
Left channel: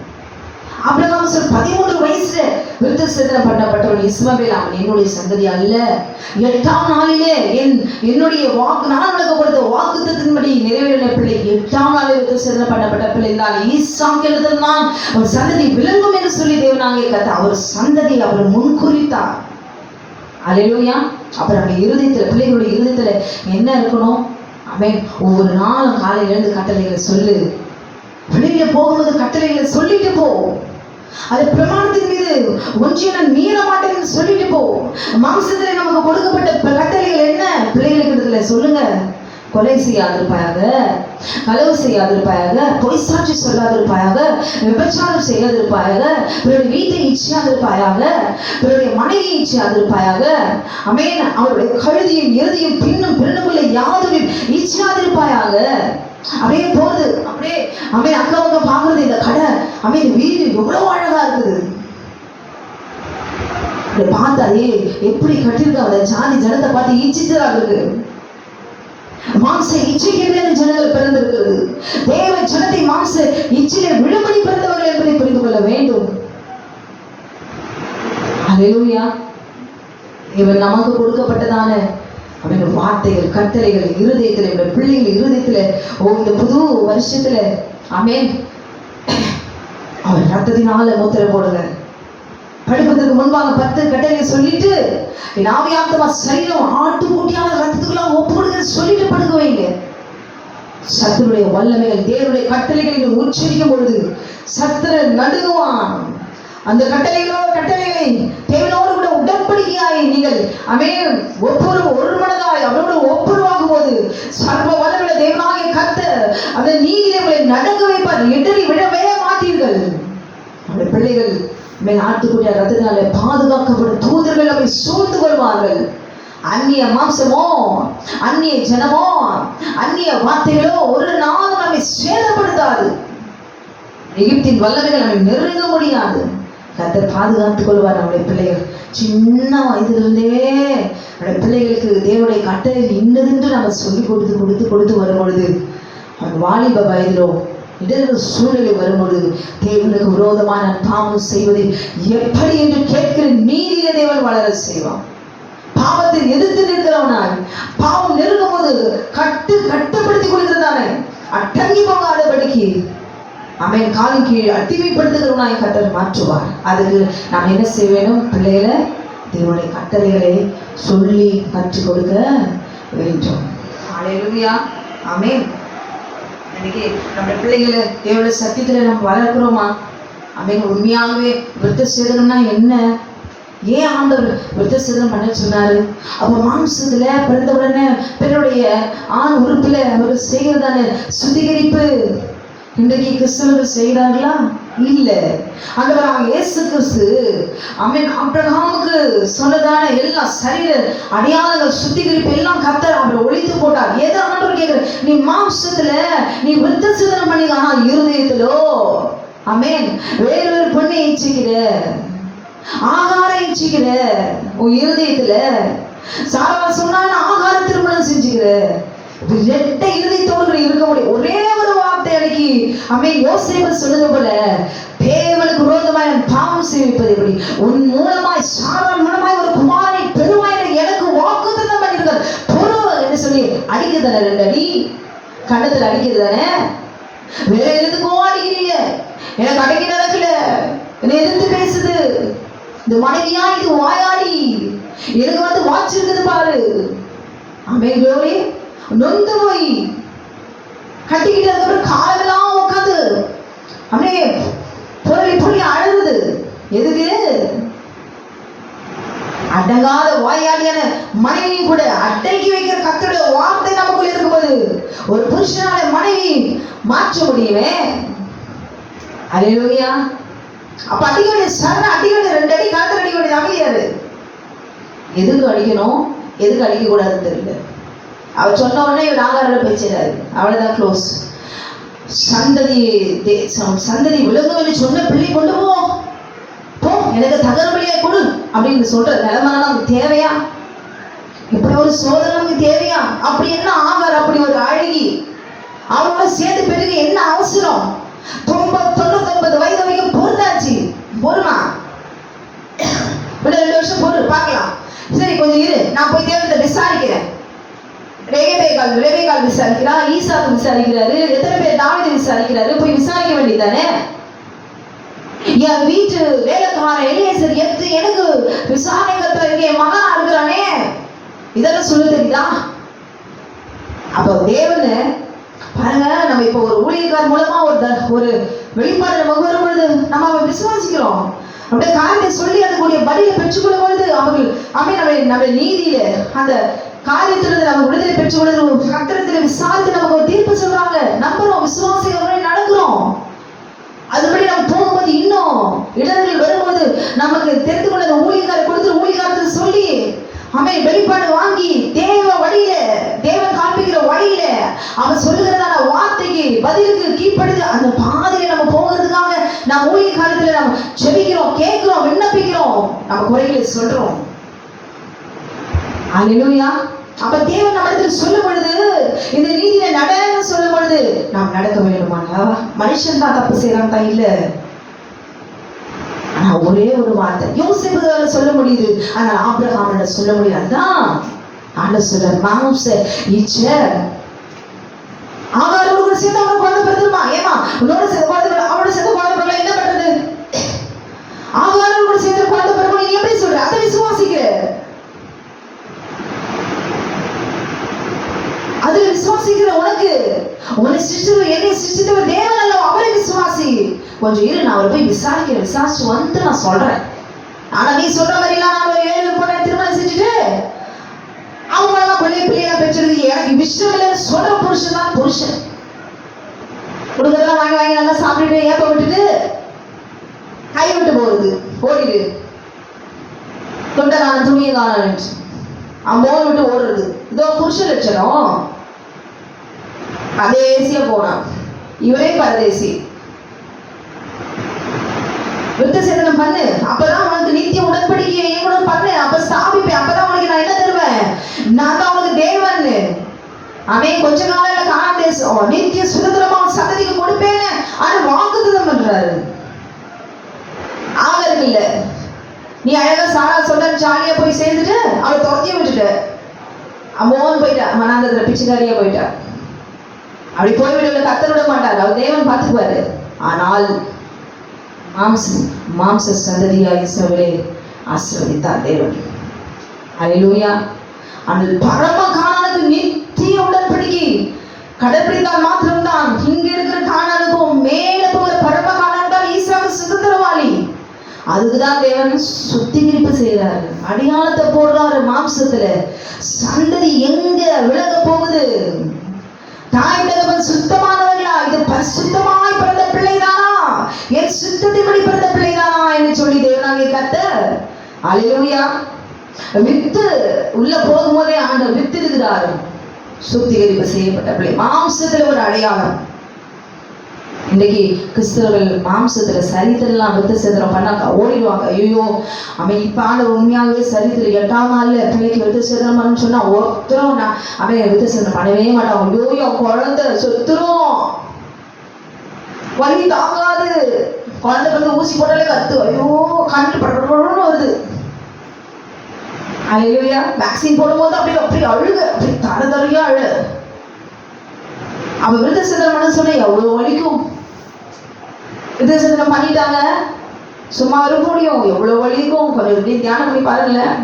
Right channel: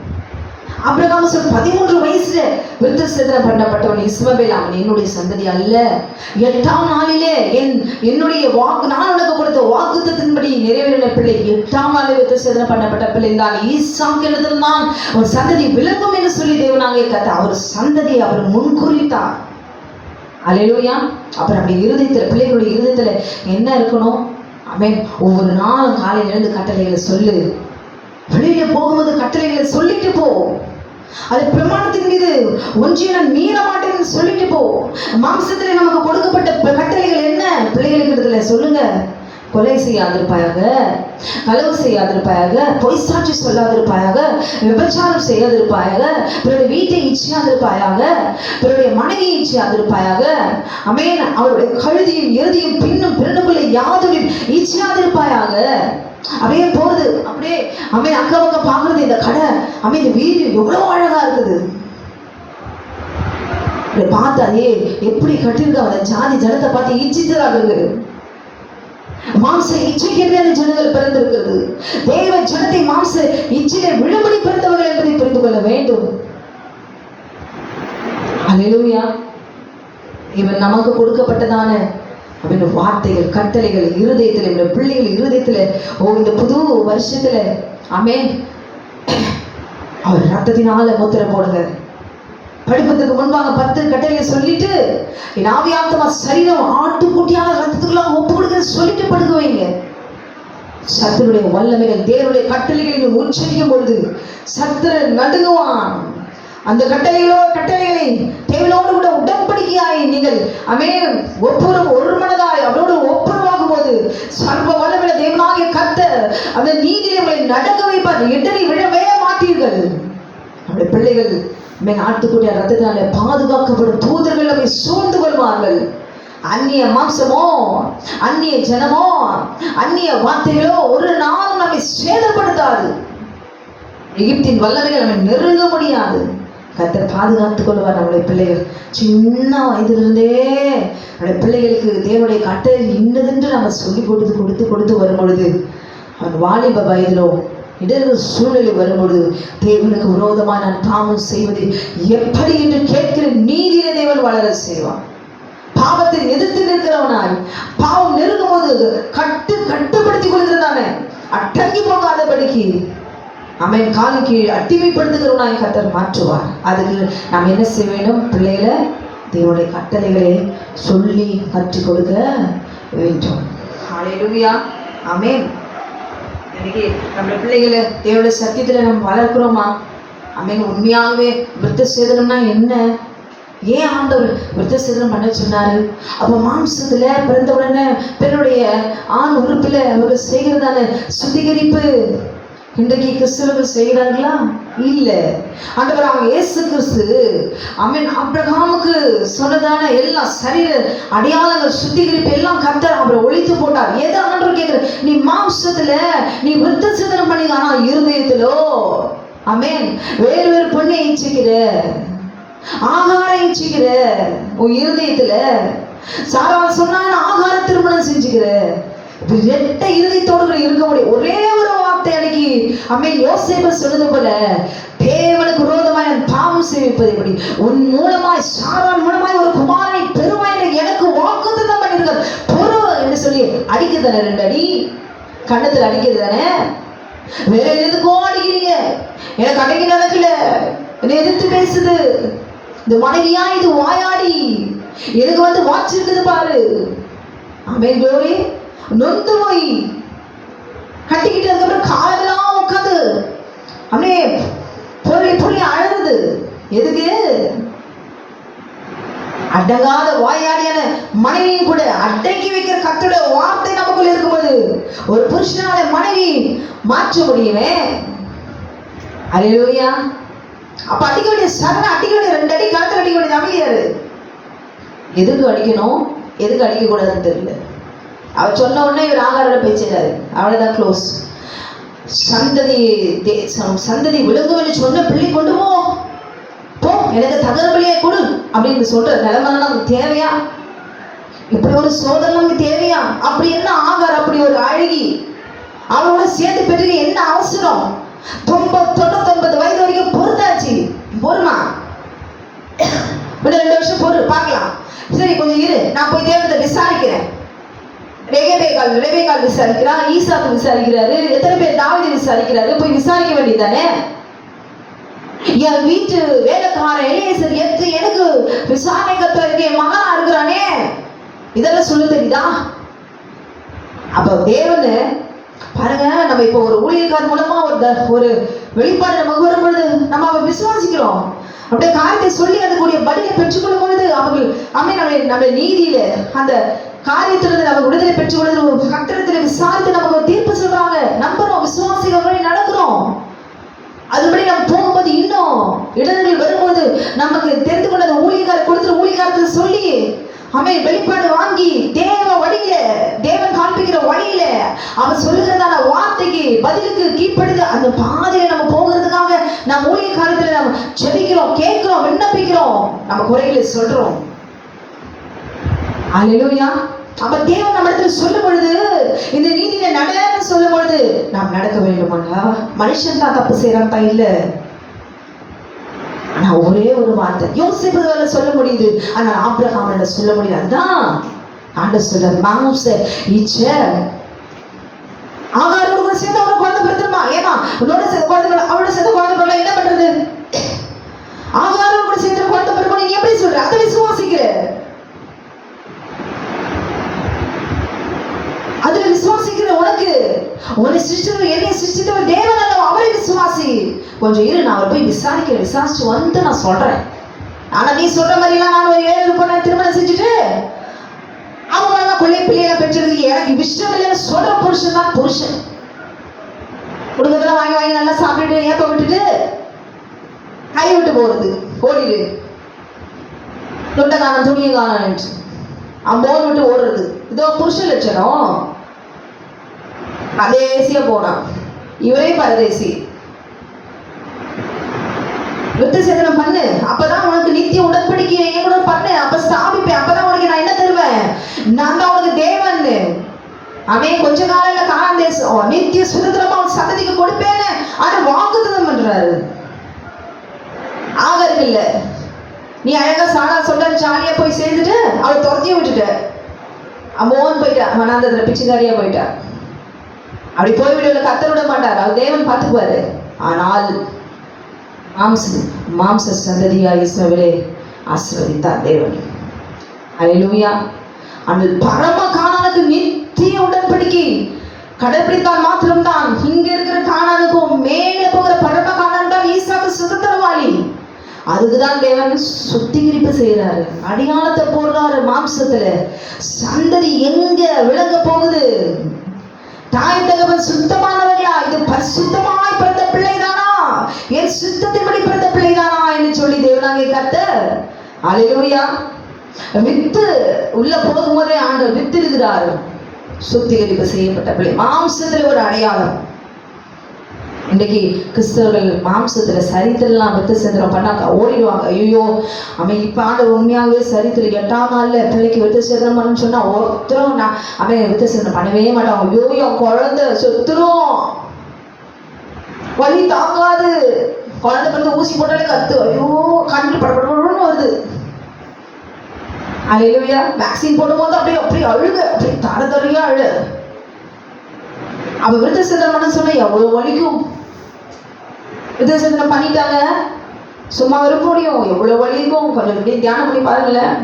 ஆபிரகாம் 13 வயசுல விருத்தசேதனம் பண்ணப்பட்டவன் இஸ்மவேல், அவன் என்னுடைய சந்ததி அல்ல. 8ஆம் நாளிலே என்னுடைய வாக்கு, நான் உனக்கு கொடுத்த வாக்குத்தத்தின்படி நிறைவேறின பிள்ளை 8ஆம் நாளில் விருத்தசேதனம் பண்ணப்பட்ட பிள்ளை என்றால் ஈசாக்கிடத்தில் தான் ஒரு சந்ததி விளங்கும் என்று சொல்லி தேவனாகிய கர்த்தர் அவர் சந்ததி அவர் முன்குறித்தார். அல்லேலூயா. அப்புறம் அப்படி இருதயத்துல பிள்ளைகளுடைய இருதயத்துல என்ன இருக்கணும்? ஆமென். ஒவ்வொரு நாளும் காலையில இருந்து கட்டளைகளை சொல்லு. வெளியில போகும்போது கட்டளைகளை சொல்லிட்டு போ. அது பிரமாணத்தின் மீது ஒன்றிய நான் மீற மாட்டேன்னு சொல்லிட்டு போ. மாம்சத்துல நமக்கு கொடுக்கப்பட்ட கட்டளைகள் என்ன? பிள்ளைகளுக்கு சொல்லுங்க. கொலை செய்யாதிருப்பாயாக, களவு செய்யாதிருப்பாயாக, பொய் சாட்சி சொல்லாதிருப்பாயாக, விபச்சாரம் செய்யாதிருப்பாயாக, பிறருடைய வீட்டை இச்சியாதிருப்பாயாக, பிறருடைய மனைவியை இச்சியாதிருப்பாயாக, ஆமென், அவருடைய கழுதியும் இறுதியும் பின்னும் பிறனுக்குள்ளே யாதொரு இச்சியாதிருப்பாயாக. அப்படியே போகுது, அப்படியே அவன் அக்கவங்க பாக்குறது இந்த கடை, அவன் வீடு எவ்வளவு அழகா இருக்குது. பார்த்தாலே எப்படி கட்டிருக்க அந்த ஜாதி ஜனத்தை பார்த்து இச்சிச்சராக மாம்ச இச்சைக்கென்று ஜனங்கள் பிறந்திருக்கிறது. தேவ ஜனத்தை மாம்ச இச்சையை விழும்படி பிறந்தவர்கள் என்பதை புரிந்து கொள்ள வேண்டும். அல்லேலூயா. இவன் நமக்கு கொடுக்கப்பட்டதான வார்த்தைகள் கட்டளைகள் இருதயத்துல, பிள்ளைகள் இருதயத்துல இந்த புது வருஷத்துல ஆமென் அவர் ரத்தத்தினால முத்திரை போடுங்க. படிப்பதற்கு முன்பாக 10 கட்டளையை சொல்லிட்டு என் ஆவியாத்மா சரீரம் ஆட்டுக்குட்டியான ரத்தத்துக்குள்ள ஒப்பு கொடுக்க சொல்லிட்டு படுக்க வைங்க. சத்துருடைய வல்லமைகள் தேவனுடைய கட்டளைகளை உச்சரிக்கும் பொழுது சத்துரு நடுங்குவான். அந்த கட்டளைகளை தேவனோடு கூட உடன்படிக்கையாய் நீங்கள் ஆமென் ஒரு மனதாய் அவரோடு ஒப்புரவாகும் போது சர்வ வல்லமையுள்ள தேவனாகிய கர்த்தர் அந்த நீதியை நடக்க வைப்பார். எதிரி விழவே மாட்டீர்கள். நம்முடைய பிள்ளைகள் ஆட்டுக்குடிய ரத்தத்தினால பாதுகாக்கப்படும் தூதர்கள் அவை சூழ்ந்து கொள்வார்கள். அந்நிய மாம்சமோ, அந்நிய ஜனமோ, அந்நிய வார்த்தைகளோ ஒரு நாள் நம்மை சேதப்படுத்தாது. எகிப்தின் வல்லமைகள் நம்மை நெருங்க முடியாது. கர்த்தர் பாதுகாத்துக் கொள்வார். நம்முடைய பிள்ளைகள் சின்ன வயதிலிருந்தே நம்முடைய பிள்ளைகளுக்கு தேவனுடைய கட்டளை இன்னதென்று நம்ம சொல்லி கொடுத்து வரும்பொழுது வாலிப வயதிலோ இடர்கள் சூழலில் வரும்போது தேவனுக்கு விரோதமான பாவம் செய்வது எப்படி என்று கேட்கிற நீதியில தேவன் வளர செய்வான். பாவத்தை எதிர்த்து நிற்கிறவனாய் பாவம் நெருங்கும் போது கட்டுப்படுத்திக் கொள்கிறதானே அடங்கி போகாதபடிக்கு அவன் காலின் கீழ் அடிமைப்படுத்துகிறவனாய் கர்த்தர் மாற்றுவார். அதுக்கு நாம் என்ன செய்ய வேண்டும்? பிள்ளைகளை தேவனுடைய கட்டளைகளை சொல்லி கற்றுக் கொடுக்க வேண்டும். ஹல்லேலூயா. ஆமென். இன்னைக்கு நம்முடைய பிள்ளைகளை தேவனுடைய சத்தியத்துல நம்ம வளர்க்கிறோமா? ஆமென். உண்மையாகவே விருத்த சேதனம்னா என்ன? ஏன் ஆண்டவர் விருத்த சேதனம் பண்ண சொன்னாரு? அப்ப மாம்சத்துல பிறந்த உடனே பெண்ணுடைய ஆண் உறுப்புல ஒரு செய்கிறதான சுத்திகரிப்பு இன்றைக்கு கிறிஸ்தவர்கள் செய்கிறார்களா? இல்ல. ஆண்டவராகிய இயேசு கிறிஸ்து ஆமென் ஆபிரகாமுக்கு சொன்னதான எல்லா சரீர அடையாளங்கள் சுத்திகரிப்பு எல்லாம் கர்த்தர் அவரை ஒழித்து போட்டார். எதை ஆண்டவர் கேட்கிற? நீ மாம்சத்துல நீ விருத்த சேதனம் பண்ணி, ஆனா இருதயத்திலோ ஆமென் வேறொரு பெண்ணை இச்சிக்கிற, ஆகாரம் இச்சிக்கிற. உன் இருதயத்துல சாராள் சொன்னாங்க ஆகார திருமணம் செஞ்சுக்கிற. ரெட்ட இருதயத்தோடு இருக்க முடியும். ஒரே ஒரு வார்த்தை அன்னைக்கு ஆமென் யோசேப்பு சொன்னது போல, தேவனுக்கு விரோதமாய் பாவம் செய்விப்பது எப்படி? உன் மூலமாய் சாராள் மூலமாய் ஒரு குமாரனை பெருமாய் எனக்கு வாக்குத்தத்தம் பண்ணியிருக்கார் பொறு என்று சொல்லி அடிக்குதானே, 2 அடி கண்ணத்துல அடிக்குதானே. வேற எதுக்கோ அடிக்கிறீங்க? எனக்கு அடங்கி நடக்கல, என்னை எதிர்த்து பேசுது இந்த மனைவியா, இது வாயாடி, எனக்கு வாச்சிருக்குது பாரு. ஆமென் க்ளோரி. நொந்து போய் கட்டிக்கிட்டு அதுக்கப்புறம் காலெல்லாம் உட்காந்து அப்படியே பொருளை பொருளை அழகுது. எதுக்கு? அடங்காத வாயாடியான மனைவியும் கூட அடங்கி வைக்கிற கர்த்தருடைய வார்த்தை நமக்குள்ள இருக்கும்போது ஒரு புருஷனால மனைவி மாற்ற முடியுமே. அல்லேலூயா. அப்ப அடிக்க வேண்டிய சரண அடிக்க வேண்டிய 2 அடி காத்துல அடிக்க வேண்டியது அமைதியாரு. எதுக்கு அடிக்கணும் எதுக்கு அடிக்க கூடாதுன்னு தெரியல. அவர் சொன்ன உடனே இவர் ஆகாரில் பேசிடாரு, அவ்வளவுதான் க்ளோஸ். சந்ததி விலங்குன்னு சொன்ன பிள்ளை கொண்டு போ, எனக்கு தகர பிள்ளையை கொடு அப்படின்னு சொல்ற நிலைமை நமக்கு தேவையா? இப்படி ஒரு சோதனை நமக்கு தேவையா? அப்படி என்ன ஆகார் அப்படி ஒரு அழகி அவளோட சேர்ந்து பெற்றுக்க என்ன அவசரம்? 99 வயது வரைக்கும் பொறுத்தாச்சு. பொறுமா 2 வருஷம் பொறு பார்க்கலாம். சரி கொஞ்சம் இரு, நான் போய் தேவனத்தை விசாரிக்கிறேன். ரெபேக்காள் விசாரிக்கிறா, ஈசாக்கு விசாரிக்கிறாரு, எத்தனை பேர் தாவீதை விசாரிக்கிறாரு. போய் விசாரிக்க வேண்டியதானே. என் வீட்டு வேலைக்காரன் எலியேசர் எனக்கு விசாரணை கர்த்தர் இருக்கு, என் மகனா இருக்கிறானே, இதெல்லாம் சொல்ல தெரியுதா? அப்ப தேவனு பாருங்க, நம்ம இப்ப ஒரு ஊழியக்காரர் மூலமா ஒரு வெளிப்பாடு நமக்கு வரும்பொழுது நம்ம அவரை விசுவாசிக்கிறோம். அப்படியே காரியத்தை சொல்லி அதுக்குரிய பதிலை பெற்றுக்கொள்ளும் பொழுது அவர்கள் நம்ம நீதியில அந்த காரியத்திலிருந்து நம்ம விடுதலை பெற்றுக்கொள்வது கர்த்தரிடத்தில் விசாரித்து நமக்கு ஒரு தீர்ப்பு சொல்றாங்க. நம்புறோம், விசுவாசிகள் நடக்கிறோம். அதுபடி நம்ம போகும்போது இன்னும் இடர்கள் வரும்போது நமக்கு தெரிந்து கொள்ள ஊழியக்காரர் கொடுத்து ஊழியக்காரத்தை சொல்லி அவன் வெளிப்பாடு வாங்கி தேவ வழியில, தேவன் காண்பிக்கிற வழியில அவன் சொல்லுகிறதான வார்த்தைக்கு பதிலுக்கு கீழ்ப்படுது அந்த பாதையில நம்ம போகிறதுக்காக நம்ம ஊழியக்காரத்துல நம்ம ஜெபிக்கிறோம், கேட்கிறோம், விண்ணப்பிக்கிறோம், நம்ம குறைகளை சொல்றோம். அல்லேலூயா. அப்ப தேவன் நம்ம இடத்துல சொல்லும் பொழுது இந்த நீதியில நடன்னு சொல்லும் பொழுது நாம் நடக்க வேண்டுமா? மனுஷன் தான் தப்பு செய்யறான் தான் இல்ல. ஆனா ஒரே ஒரு வார்த்தை யோசேப்புகால சொல்ல முடியுது, ஆனா ஆபிரகாமோட சொல்ல முடியல. அதான் ஆண்டவர் சொல்றார், மாம்ச இச்ச ஆகாரோட சேர்ந்து அவனை குழந்தை பிறந்துருமா? ஏமா உன்னோட சேர்ந்து குழந்தை, அவனோட சேர்ந்து குழந்தை பிறகு என்ன பண்றது? ஆகாரோட சேர்ந்து குழந்தை பிறகு நீ எப்படி சொல்ற? அதை விசுவாசிக்கிற, அதுல விசுவாசிக்கிற உனக்கு உன்னை சிருஷ்டித்தவர், என்னை சிருஷ்டித்தவர் தேவன் அல்ல, அவரை விசுவாசி. கொஞ்சம் இரு, நான் அவரை போய் விசாரிச்சு வந்து நான் சொல்றேன். ஆனா நீ சொல்ற மாதிரிலாம் நான் ஒரு 7 பொண்ணை திருமணம் செஞ்சுட்டு அவங்களெல்லாம் பிள்ளைகளை பெற்றிருக்கு எனக்கு விஷயம் இல்லைன்னு சொல்ற புருஷன் தான் புருஷன். குடும்பத்தெல்லாம் வாங்கி நல்லா சாப்பிட்டுட்டு ஏப்ப விட்டுட்டு கை விட்டு போறது, ஓடிடு தொண்டை காண துணியை காண அம்மோன் விட்டு ஓடுறது, இதோ புருஷ லட்சணம். அதேசியா போனான், இவரே பரதேசி. விருத்த சேதனம் பண்ணு, அப்பதான் உனக்கு நித்திய உடன்படிக்கையை எங்களோட பண்ணு, அப்ப ஸ்தாபிப்பேன், அப்பதான் உனக்கு நான் என்ன தருவேன்? நான் தான் உனக்கு தேவன். அவன் கொஞ்ச காலையில காணாம தேசம் நித்திய சுதந்திரமா அவன் சந்ததிக்கு கொடுப்பேன்னு ஆனா வாக்குத்தத்தம் பண்றாரு. ஆகருக்கு இல்ல, நீ அழகா சாரா சொல்ற ஜாலியா போய் சேர்ந்துட்டு அவளை துரத்திய விட்டுட்ட, அம்மோன்னு போயிட்டா, மனாந்தத்துல பிச்சைக்காரியா போயிட்டா. அப்படி போய்விட கத்தர் விட மாட்டார், அவர் தேவன் பார்த்துக்குவாரு. ஆனால் மாம்ச சந்ததியாய் இஸ்ரவேலை ஆசீர்வதித்தார் தேவன். அல்லேலூயா. அந்த பரம கானானுக்கு நித்திய உடன்படிக்கை கடைபிடித்தால் மாத்திரம்தான் இங்க இருக்கிற கானானுக்கும் மேல போகிற பரம கானான் தான் ஈசாக்கு சுதந்திரம் அதுக்குதான் தேவன் சுத்திகரிப்பு செய்யறாரு, அடியாளத்தை போடுறாரு மாம்சத்துல. சந்ததி எங்க விலக போகுது? தாய் தகவல் சுத்தமானவர்களா? இது பரிசுத்தமாய் பிறந்த பிள்ளைதானா? என் சுத்தத்தின்படி பிறந்த பிள்ளைதானா என்று சொல்லி தேவனாகிய கர்த்தர் அல்லேலூயா வித்து உள்ள போகும்போதே ஆண்டவர் வித்து இருக்கிறார். சுத்திகரிப்பு செய்யப்பட்ட பிள்ளை மாம்சத்துல ஒரு அடையாளம். இன்றைக்கு கிறிஸ்தவர்கள் மாம்சத்துல சரித்திரம் வித்து சேதனம் பண்ணாக்க ஓடிடுவாங்க. ஐயோ அவன் இப்ப ஆண்டவர் உண்மையாகவே சரித்திரம் 8ஆம் நாள்ல பிள்ளைக்கு வித்து சேதனம் பண்ணு சொன்னா ஒருத்தரும் அவன் வித்து சேதனம் பண்ணவே மாட்டாங்க. ஐயோ குழந்தை சொத்துரும், வலி தாங்காது, குழந்தை வந்து ஊசி போட்டாலே கத்து, ஐயோ கண்டு படப்படன்னு வருது. அல்லேலூயா. வேக்சின் போடும்போது அப்படியே அப்படியே அழுக, அப்படியே தரதறியா அழு. அவ விருத்த சேதனம் பண்ண சொன்ன எவ்வளவு வலிக்கும். விருத்த சேதனம் பண்ணிட்டாங்க, சும்மா இருக்க முடியும், எவ்வளவு வலிக்கும். கொஞ்சம் இப்படி தியானம் பண்ணி பாருங்களேன்.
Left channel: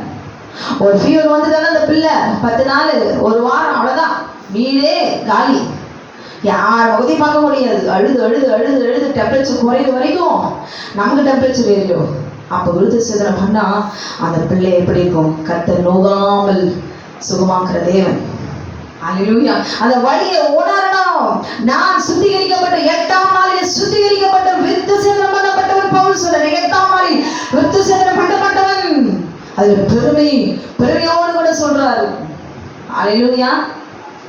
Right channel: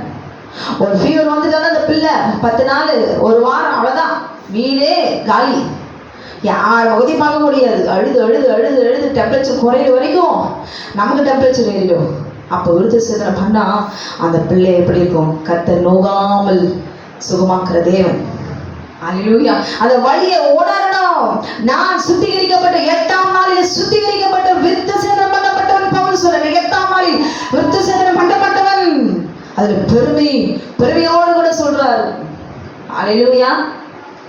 ஒரு ஃபீவர் வந்துட்டாலும் அந்த பிள்ளை 10 நாள் 1 வாரம் அவ்வளவுதான், வீடே காலி, யார் வகதி பார்க்க முடியாது. அழுது அழுது அழுது அழுது டெம்பரேச்சர் குறையிற வரைக்கும் நமக்கு டெம்பரேச்சர் ஏறிடும். அப்போ விருத்த சேதனம் பண்ணா அந்த பிள்ளை எப்படி இருக்கும்? கர்த்தர் நோகாமல் சுகமாக்குற தேவன். அல்லேலூயா. அந்த வழியை உணரணும். நான் சுத்திகரிக்கப்பட்ட 8ஆம் நாளில் சுத்திகரிக்கப்பட்ட விருத்த சேதனம் பண்ணப்பட்டவன் பவுல் சொல்றார். 8ஆம் நாளில் விருத்த சேதனம் பண்ணப்பட்டவன். அதுல பெருமையோடு கூட சொல்றாரு. அல்லேலூயா.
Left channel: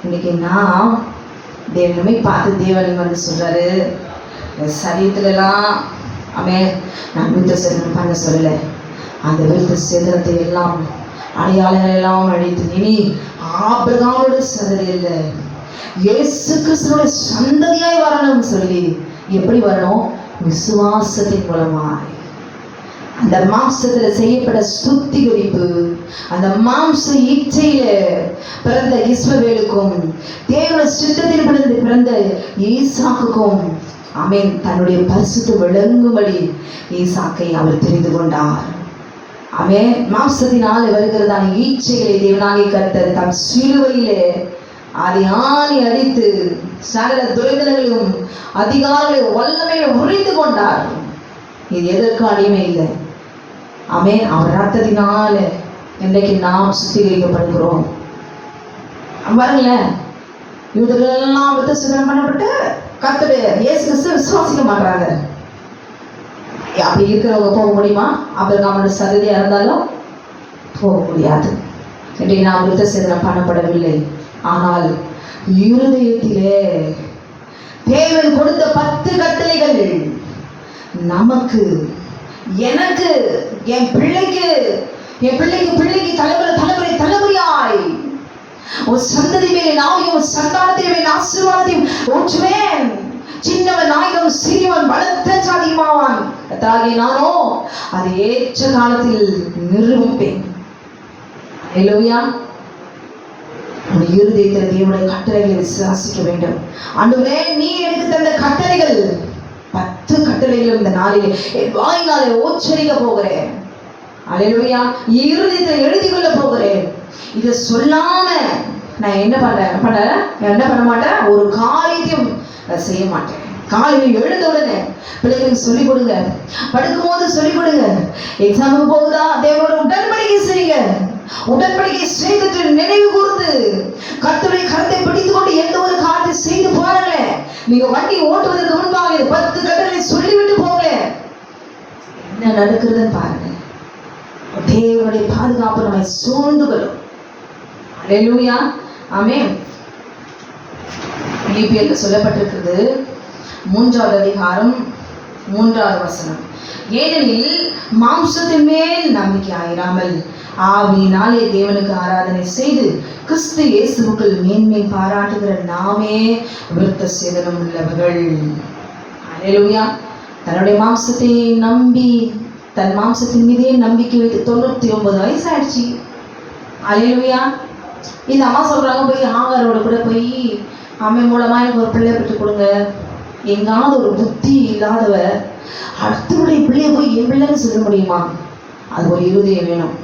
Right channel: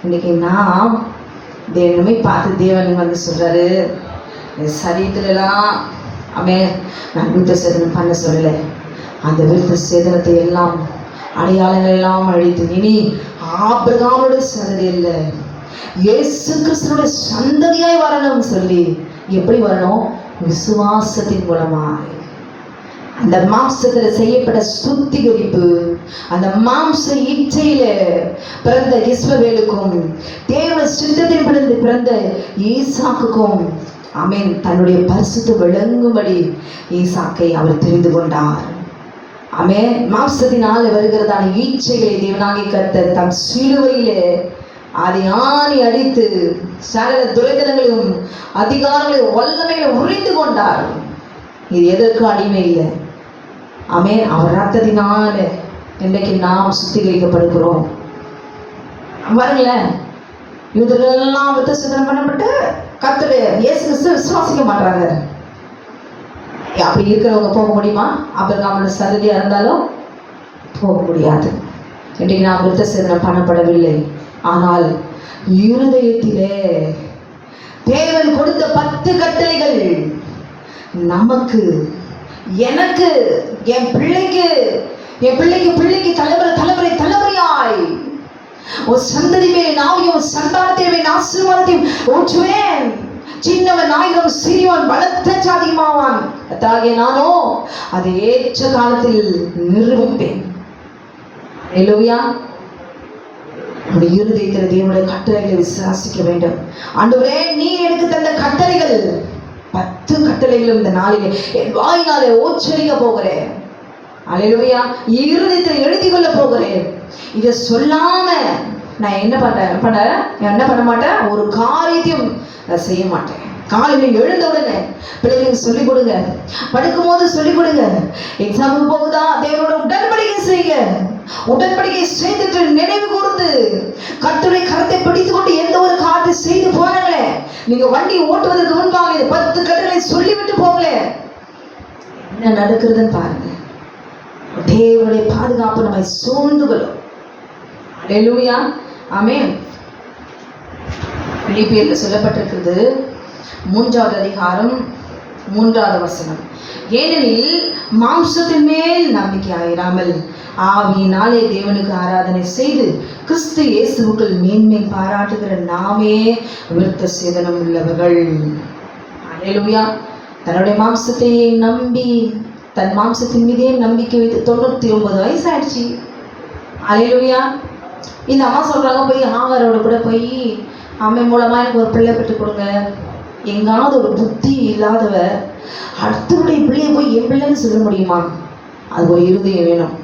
இன்னைக்கு நான் தேவனை பார்த்து தேவன் வந்து சொல்றாரு, சரீரத்துல எல்லாம் நான் விருத்த சேதனம் பண்ண சொல்லல, அந்த விருத்த சேதனத்தை எல்லாம் அடையாளங்கள் எல்லாம் அழித்து இனி ஆபிரகாமுடைய சந்ததி இல்ல, இயேசு கிறிஸ்துவின் சந்ததியாய் வரணும் சொல்லி. எப்படி வரணும்? விசுவாசத்தின் மூலமாய். அந்த மாம்சத்துல செய்யப்பட்ட சுத்திகரிப்பு, அந்த மாம்ச இச்சையில பிறந்த இஸ்மவேலுக்கும் தேவனுடைய சித்தத்தில் பிறந்த ஈசாக்குக்கும் ஆமென் தன்னுடைய பரிசுத்த விளங்கும்படி ஈசாக்கை அவர் தெரிந்து கொண்டார். ஆமென். மாம்சத்தினாலே வருகிறதான ஈச்சைகளை தேவனாகிய கர்த்தர் தம் சிலுவையிலே அதை ஆணி அடித்து சகல துரைதனங்களையும் அதிகாரங்களையும் வல்லமையிலும் உரிந்து கொண்டார். இது எதற்கு அடிமை இல்லை. ஆமென். அவர் ரத்தத்தினால இன்றைக்கு நாம் சுத்திகரிக்கப்படுகிறோம். பாருங்களேன், யூதர்களெல்லாம் விருத்த சேதனம் பண்ணப்பட்டு கர்த்தர் இயேசு கிறிஸ்துவை விசுவாசிக்க மாட்டாங்க. அப்படி இருக்கிறவங்க போக முடியுமா? ஆபிரகாமுடைய சந்ததியா இருந்தாலும் போக முடியாது. இன்றைக்கு நாம் விருத்த சேதனம் பண்ணப்படவில்லை. ஆனால் இருதயத்திலே தேவன் கொடுத்த 10 கட்டளைகள் நமக்கு, எனக்கு, என் பிள்ளைக்கு தலைமுறையாய் ஒரு சந்ததி மேலே நாவையும் சந்தானத்தை ஆசீர்வாதத்தையும் ஊற்றுவேன். சின்னவன் ஆயிரம் சிறியவன் பலத்த சாதியமாவான். அதாகிய நானோ அதை ஏற்ற காலத்தில் நிரூபிப்பேன். அல்லேலூயா. இருதயத்தில் தேவனுடைய கட்டளைகளை விசுவாசிக்க வேண்டும். ஆண்டவரே, நீ எனக்கு தந்த கட்டளைகள் 10 கட்டளைகளும் இந்த நாளிலே என் வாயினாலே உச்சரிக்க போகிறேன். அல்லேலூயா. இருதயத்தில் எழுதி கொள்ள போகிறேன். இதை சொல்லாம நான் என்ன பண்ண மாட்டேன், ஒரு காரியத்தையும் செய்ய மாட்டேன். காலையில் எழுந்த உடனே பிள்ளைகளுக்கு சொல்லிக் கொடுங்க, படுக்கும் போது சொல்லிக் கொடுங்க. எக்ஸாமுக்கு போகுதா, தேவனோட உடன்படிக்கை செய்யுங்க. உடன்படிக்கை செய்துட்டு நினைவு கூர்ந்து கர்த்தருடைய கரத்தை பிடித்துக் கொண்டு எந்த ஒரு காரியத்தை செய்து போறீங்களே, நீங்க வண்டி ஓட்டுவதற்கு முன்பாக இந்த 10 கட்டளை சொல்லிவிட்டு போங்க. என்ன நடக்கிறதுன்னு பாருங்க. தேவனுடைய பாதுகாப்பு நம்மை சூழ்ந்துகளும். அல்லேலூயா. ஆமென். பிலிப்பியர்ல சொல்லப்பட்டிருக்கிறது 3ஆவது அதிகாரம் 3ஆவது வசனம். ஏனெனில் மாம்சத்தின் மேல் நம்பிக்கை ஆயிராமல் ஆவியினாலே தேவனுக்கு ஆராதனை செய்து கிறிஸ்து இயேசுவுக்குள் மேன்மை பாராட்டுகிற நாமே விருத்த சேதனம் உள்ளவர்கள். அல்லேலூயா. தன்னுடைய மாம்சத்தை நம்பி தன் மாம்சத்தின் மீதே நம்பிக்கை வைத்து 99 வயசு ஆயிடுச்சு. அல்லேலூயா. இந்த அம்மா சொல்றாங்க, போய் ஆகாரோட கூட போய் அம்மை மூலமா எனக்கு ஒரு பிள்ளை பெற்று கொடுங்க. எங்காவது ஒரு புத்தி இல்லாதவ அடுத்தவருடைய பிள்ளைய போய் என் பிள்ளைன்னு சொல்ல முடியுமா? அது ஒரு இருதயம் வேணும்.